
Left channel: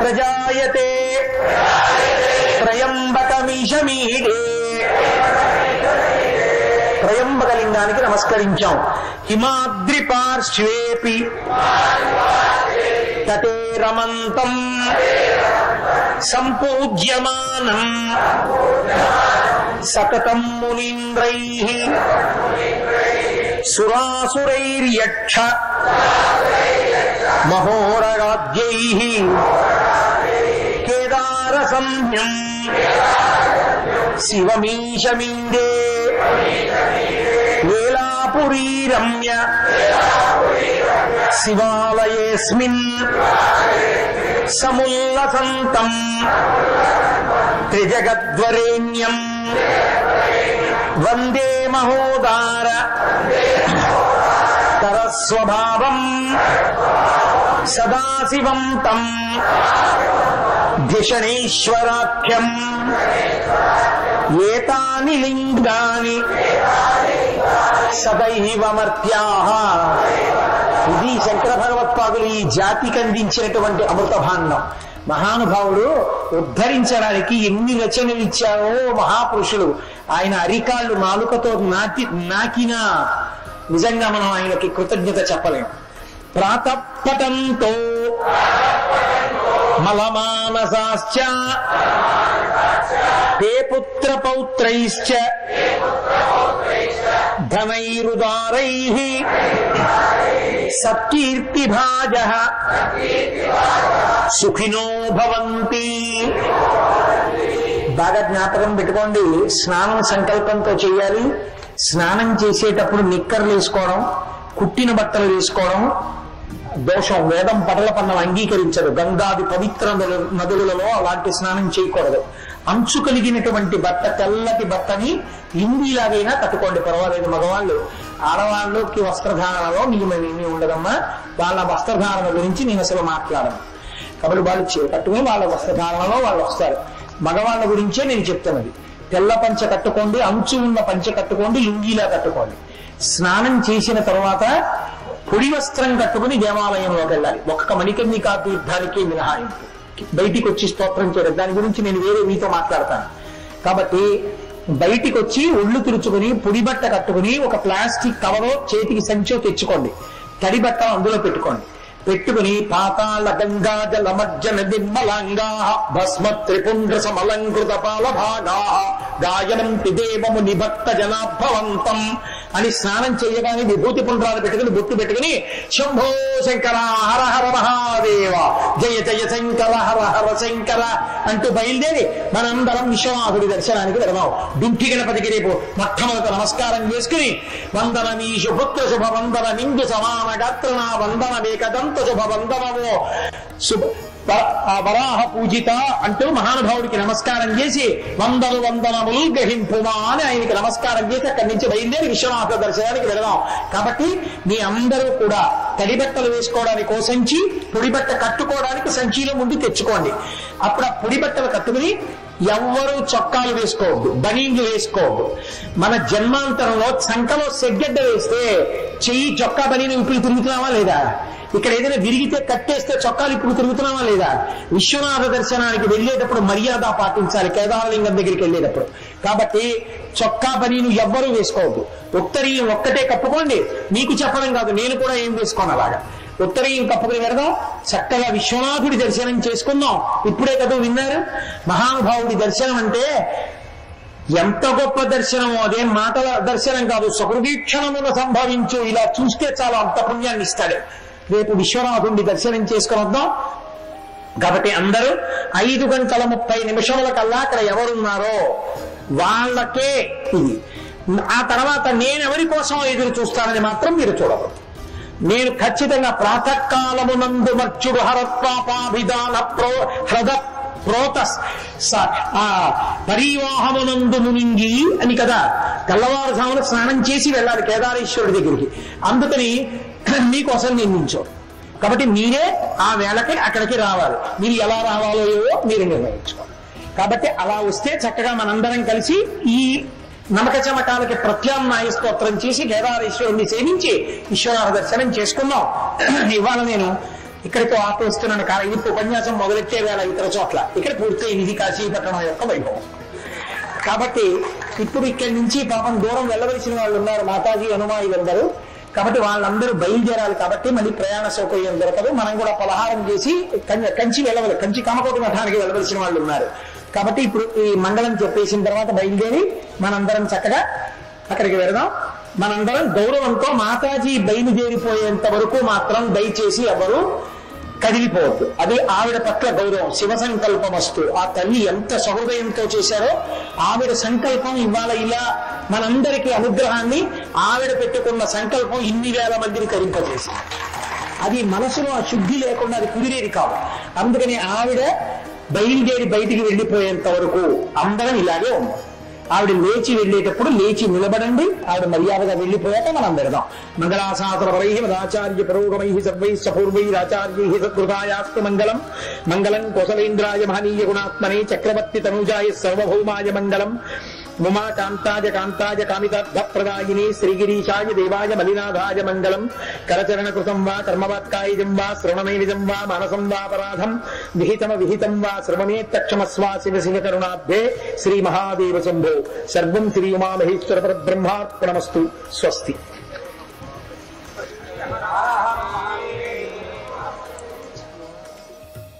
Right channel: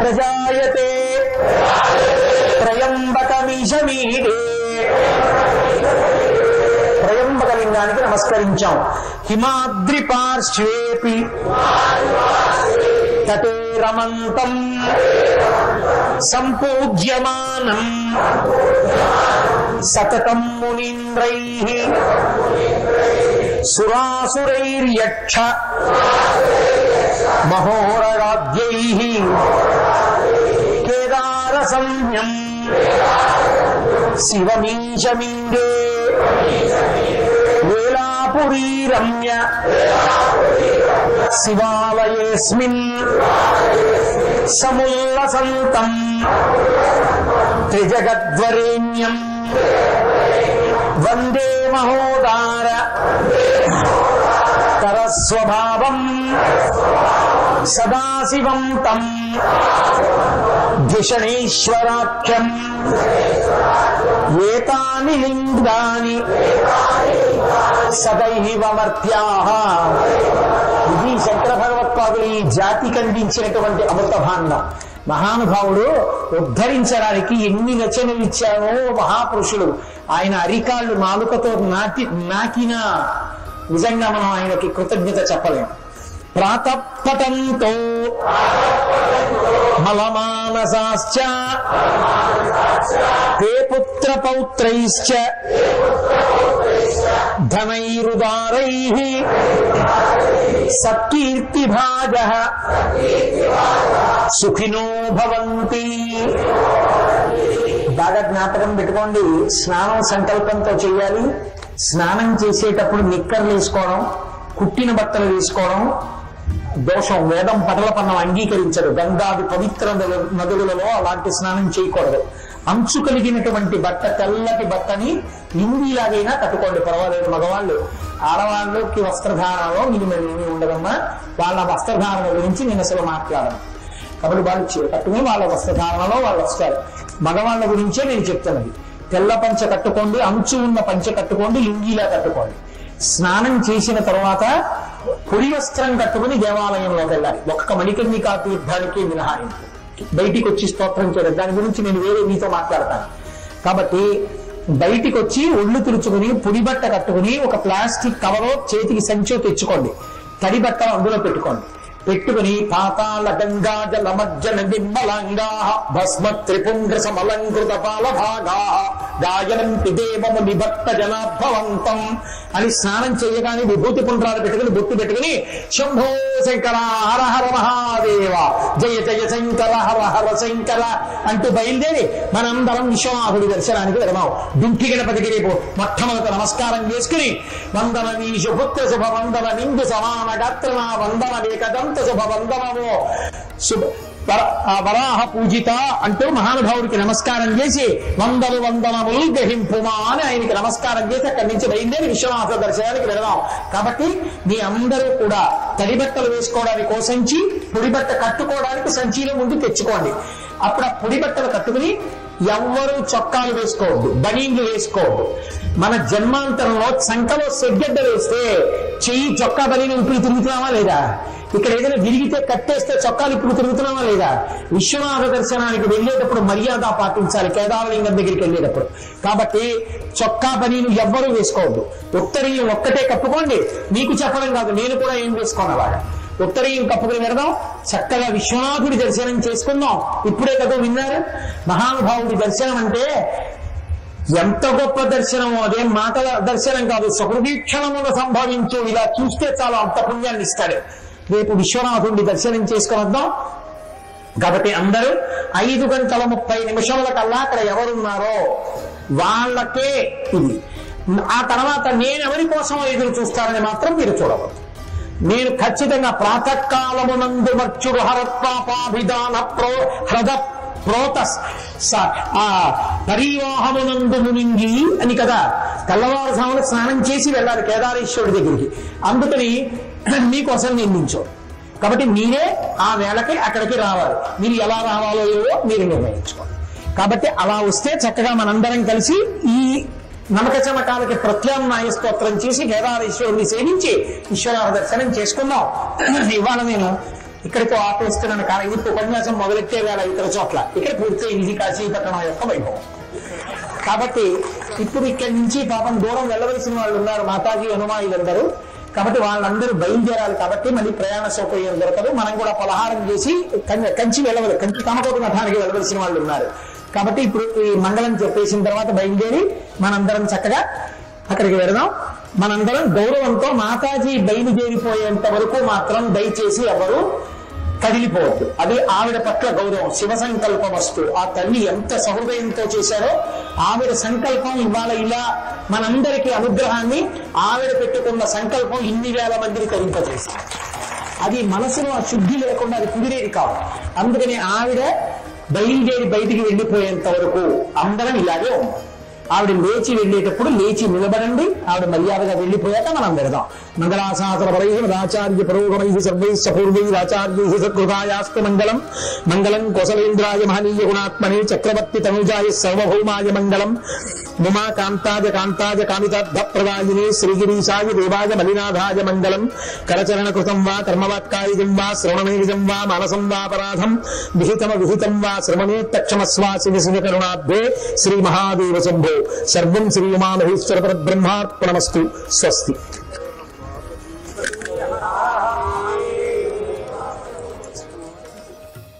ప్రజాయతే త్రయంబకమీశమీడే. త్రయంబకలింగానికి నమస్కరించాం. హిమాద్రి పార్శ్వేపి తటే రమంతం సంపూజ్యమానం సతతం మునీంద్రైః సురాసురైర్యక్ష మహోరగాద్యైః కేదార సంజ్ఞం శివమీశమీడే వేలాపురీ రమ్య శివాలయేస్మిన్ సముల్లసంతం త్రిజగద్వరేణ్యం వందే మహోదార తరస్వభావం సదాశివం తం ధిషణీశ్వరాఖ్యం ఏతాని లింగాని సదైవమర్త్యాః. ఇది శంకర భగవత్పాదులు ఈ జాతికి అందించినటువంటి అమృత భాండం. మహానుభావుడు ఉద్ధరించడానికి ఎన్ని రచనలు ఇచ్చానో మహాపురుషుడు. ఆయన అరికాళ్ళు నాలుకతో నాకిన నిజంగా మనం ఆయనకి కృతజ్ఞత చెప్పలేం. ప్రాతఃపటంతో మలమానసాశ్చ తే పుత్ర పౌత్రైశ్చ ధనైరుదారైః సత్కీర్తిభాజః సుఖినో భవంతి. బాగా జ్ఞాపకం పెట్టుకోండి. స్నానం సంకల్పంతో చేయాలి. స్నానం చేసేటప్పుడు నిక్కర్లు వేసుకోవడం, కుట్టిన బట్టలు వేసుకోవడం దోషం. వేదం పటల పన్నం అంగీకరించదు. గంగాది పవిత్ర నదులలో అలాంటి స్నానం చేయకూడదు. అంచు కలిగినటువంటి బట్ట, తెల్లటి బట్టని లింగిలాగైనా కట్టుకోండి, పర్వాలేదు. మగవాళ్ళు ఆడవాళ్ళకి వస్త్రధారణలో నియమేమీ ఉండదమ్మా. వాళ్ళ వస్త్రధారణ గురించి నేను అసలు మాట్లాడను. కాబట్టి వాళ్ళు కట్టుకుని వాళ్ళ వస్త్రధారణలో వాళ్ళు వస్తారు. మగవాళ్ళ గురించే నేను చెప్తాను. తెల్ల పంచ కట్టుకోండి, అంచు ఉన్న పంచ కట్టుకోండి, లుంగీలా కట్టుకోండి. స్నానం చేసిన తర్వాత పొడి వస్త్రం కట్టుకుని దేవాలయంలోకి వెళ్ళాలి. ఒక్క మణికర్ణికా తీర్థానికి మినహాయి బయటికి వచ్చి స్తోత్రం చేయడం. దాని గురించి నేను వేరే మీతో మాట్లాడతాను. కాబట్టి బయటికి వచ్చి ఒళ్ళు తుడుచుకుని పొడి బట్ట కట్టుకుని ఒక ప్లాస్టిక్ కవరో చేతికి సంచో తెచ్చుకోండి. తడి బట్ట అందులో పెట్టుకోండి. పెట్టుకుని పాతాళ గంగా జలమజ్జన నిర్మలంగా భస్మ త్రిపుండ్ర సమలంకృత పాలభాగా గాయనం పిదేవము నిభక్త జనాభవంతం అని స్నానం చేయగానే విభూతి పుండ్రాలు పెట్టుకుని బొట్టు పెట్టుకుని శంభో శంకర హర హర మహాదేవ జయ జయ శంకర హర హర శంకర అంటూ బయలుదేరి మనందరం విశ్వనాథుడి దర్శనానికి వెళదాం. దుఃఖి గణపతికి రేపు మొట్టమొదట నమస్కారం చేసుకుని వందన నీషు పుత్ర శుభ వందన నిండు సమాన గాత్రనా వందన వేకదంత శుభ వందనమో శుభ వరాహ పూజిత అంటూ మహానుభావుడికి నమస్కారం చేసి వందనములు గ్రహింపుమా అని ఆయనకి నమస్కారం చేసి అక్కడి నుంచి బయలుదేరి విశ్వనాథ దర్శనానికి వెళదాం. కాబట్టి మీ అందరూ కూడా తడి బట్టలు వేసుకోవడానికి ఓ సంచి, పొడి బట్ట కట్టుకోవడానికి సంచిలో ముందు తెచ్చుకోండి. అప్పుడు ఆ పొడి బట్టలు కట్టుకుని ఎవ్వరూ చొక్కాలు వేసుకోవద్దు, బనీన్లు వేసుకోవద్దు. మన జన్మాంతరంలో సంకలో సెగ్గడ్డ వేస్తే చెయ్యి చొక్కా బనీని ఇప్పుడు తిరుగుతున్నామా లేదా? ఇక్కడ ఏదైనా విరిగితే కట్టేస్తే చొక్కాలు ఇప్పుడు తిరుగుతున్నామా లేదా? విశ్వనాథ దర్శనానికి వెళ్ళేటప్పుడు మర్యాద పాటించాలి కేదారలింగం దగ్గరికి వెళ్ళేటప్పుడు. కాబట్టి చొక్కా పనీను ఎవ్వరూ వేసుకోవద్దు. ఉత్తరీయం ఒక్కటే కప్పుకోండి. మీకు చెప్పడం కాదు, నేను కూడా ఏం వేసుకోను అలాగా. ఉత్తరీయం కప్పుకుని వెళదాం, చక్కగా విశ్వనాథుడి దర్శనం చేసుకుందాం. ఇప్పుడే కదా విన్నారు, మహానుభావుడి దర్శనం అంటే ఎంత గొప్ప దర్శనమో. అదే మాటల దర్శనం కాదు, సుహృదీక్షణమున సంభవించు. ఇలా చూస్తే చాలా అంత పుణ్యాన్ని ఇస్తాడు. రేపు విశ్వనాథుడిని దర్శనం చేసుకుని వద్దాం. కాబట్టి అందరూ 5:30 కల్లా అక్కడ ఎవరున్నారో వాళ్ళకే ఇది. ఆ తర్వాత నేను ఎవరి కోసం ఎదురు చూస్తానని మాత్రం మీరు చూడవద్దు. నేను ఖచ్చితంగా ప్రాతకాలమునందు మర్చుడు హరత్వాపాభిధాన హృద ప్రోతస్ పరివాహమునందు మునింగి అని కదా తెల్లవారుజామున స్నానం చేసి వెళ్ళాలి కేదారేశ్వరుడి దగ్గరికి. అందుకని మీకోసం నిర్మించాం. కాబట్టి మీరే ఆ వేళకి అక్కడికి రావాలి. మీరు ఎలా రావాలో ఏవో మీరు నిర్ణయించుకోవాలి. కాబట్టి అలా వస్తే చక్కగా మనందరం కలిసి ఈ నమక చమకాలకి ప్రత్యామ్నాయ స్తోత్రం చేసి కేదారేశ్వరుడిని సేవించి ఈశ్వరాల దర్శనం చేసుకుందాం. ఇవాళ నేను ఇక్కడితో ఆపేస్తున్నాను. కానీ ఇప్పుడు ఉపన్యాసం మొదలెట్టే వేళ ఇతర చోట్ల ఇక్కడ పూర్తయింది కాశీపట్టణం యొక్క వైభవం. కాబట్టి ఇప్పుడు ఇక్కడి నుంచి పాపం దూరం వెళ్ళవలసిన వాళ్ళు ఉన్నారు, మాతాజీ హనుమాయిలందరూ. కాబట్టి వాళ్ళందరూ బయలుదేరాలి. కాబట్టి మళ్ళీ ప్రయాణ సౌకర్యం దొరకదు. మనం కూడా పలహారం చేసి కంచి వెళ్ళవాలి, కంచి కామకోటి మఠానికి వెళ్ళవలసిన వాళ్ళు ఉన్నారు. కాబట్టి ఇప్పుడు ఈ మంగళం చెప్పేసిన తర్వాత బయలుదేరి మనందరం చక్కగా అక్కడికి వెళదాం. మనందరం గౌరవంతో మాతాజీ బయలుదేరిపోయేంత వరకు మాత్రం దయచేసి ఎవరు కదిలిపోవద్దు. అదే ఆవిడ పట్ల గౌరవం. శివ సంకల్పం వస్తూ ఆ తల్లి ఎంత సహృదయంతో చేశారో ఆవిడ సంకల్పం ఇవాళ ఇలా మనందరికీ అనుగ్రహాన్ని ఆవిడ పెట్టుకున్న సంకల్పం ఇన్ని వేల మందిని కరింపజేశారు. అది మనసులో ఆ శుద్ధి లేకుండా అది కుదిరేది కాదు. అందుకని ఆవిడ బయలుదేరి బయటికి వెళ్ళిపోయేంత వరకు అందరం ఇలాగే ఆవిడ లేచి వెళ్ళేటప్పుడు లేచి నిలబడండి. ఆవిడ మర్యాదగా వెళ్ళిపోయాక మనం వెళదాం. మంగళాశాసనపరై మదాచార్య పురోగమై సర్వైశ్చ పూర్వైరాచార్యై సత్కృతాయాస్తు మంగళం. మంగళం కోసలేంద్రాయ మహనీయ గుణాత్మనే చక్రవర్తి తనుజాయ సర్వభౌమాయ మంగళం. ఉమా కాంతాయ కాంతాయ కామితార్థప్రదాయినే శ్రీగిరీశాయ దేవాయ మలినాథాయ మంగళం. కరచరణ కృతం వా కర్మవాక్కాయజం వా శ్రవణమేజం వా మానసం వాపరాధం విహితం వా శ్రవణే తక్షమస్వా శివ శివ కరుణాబ్ధే శ్రీ మహాదేవ శంభో. సర్వం శ్రీ ఉమామహేశ్వర పరబ్రహ్మార్పణమస్తు. స్వస్తి.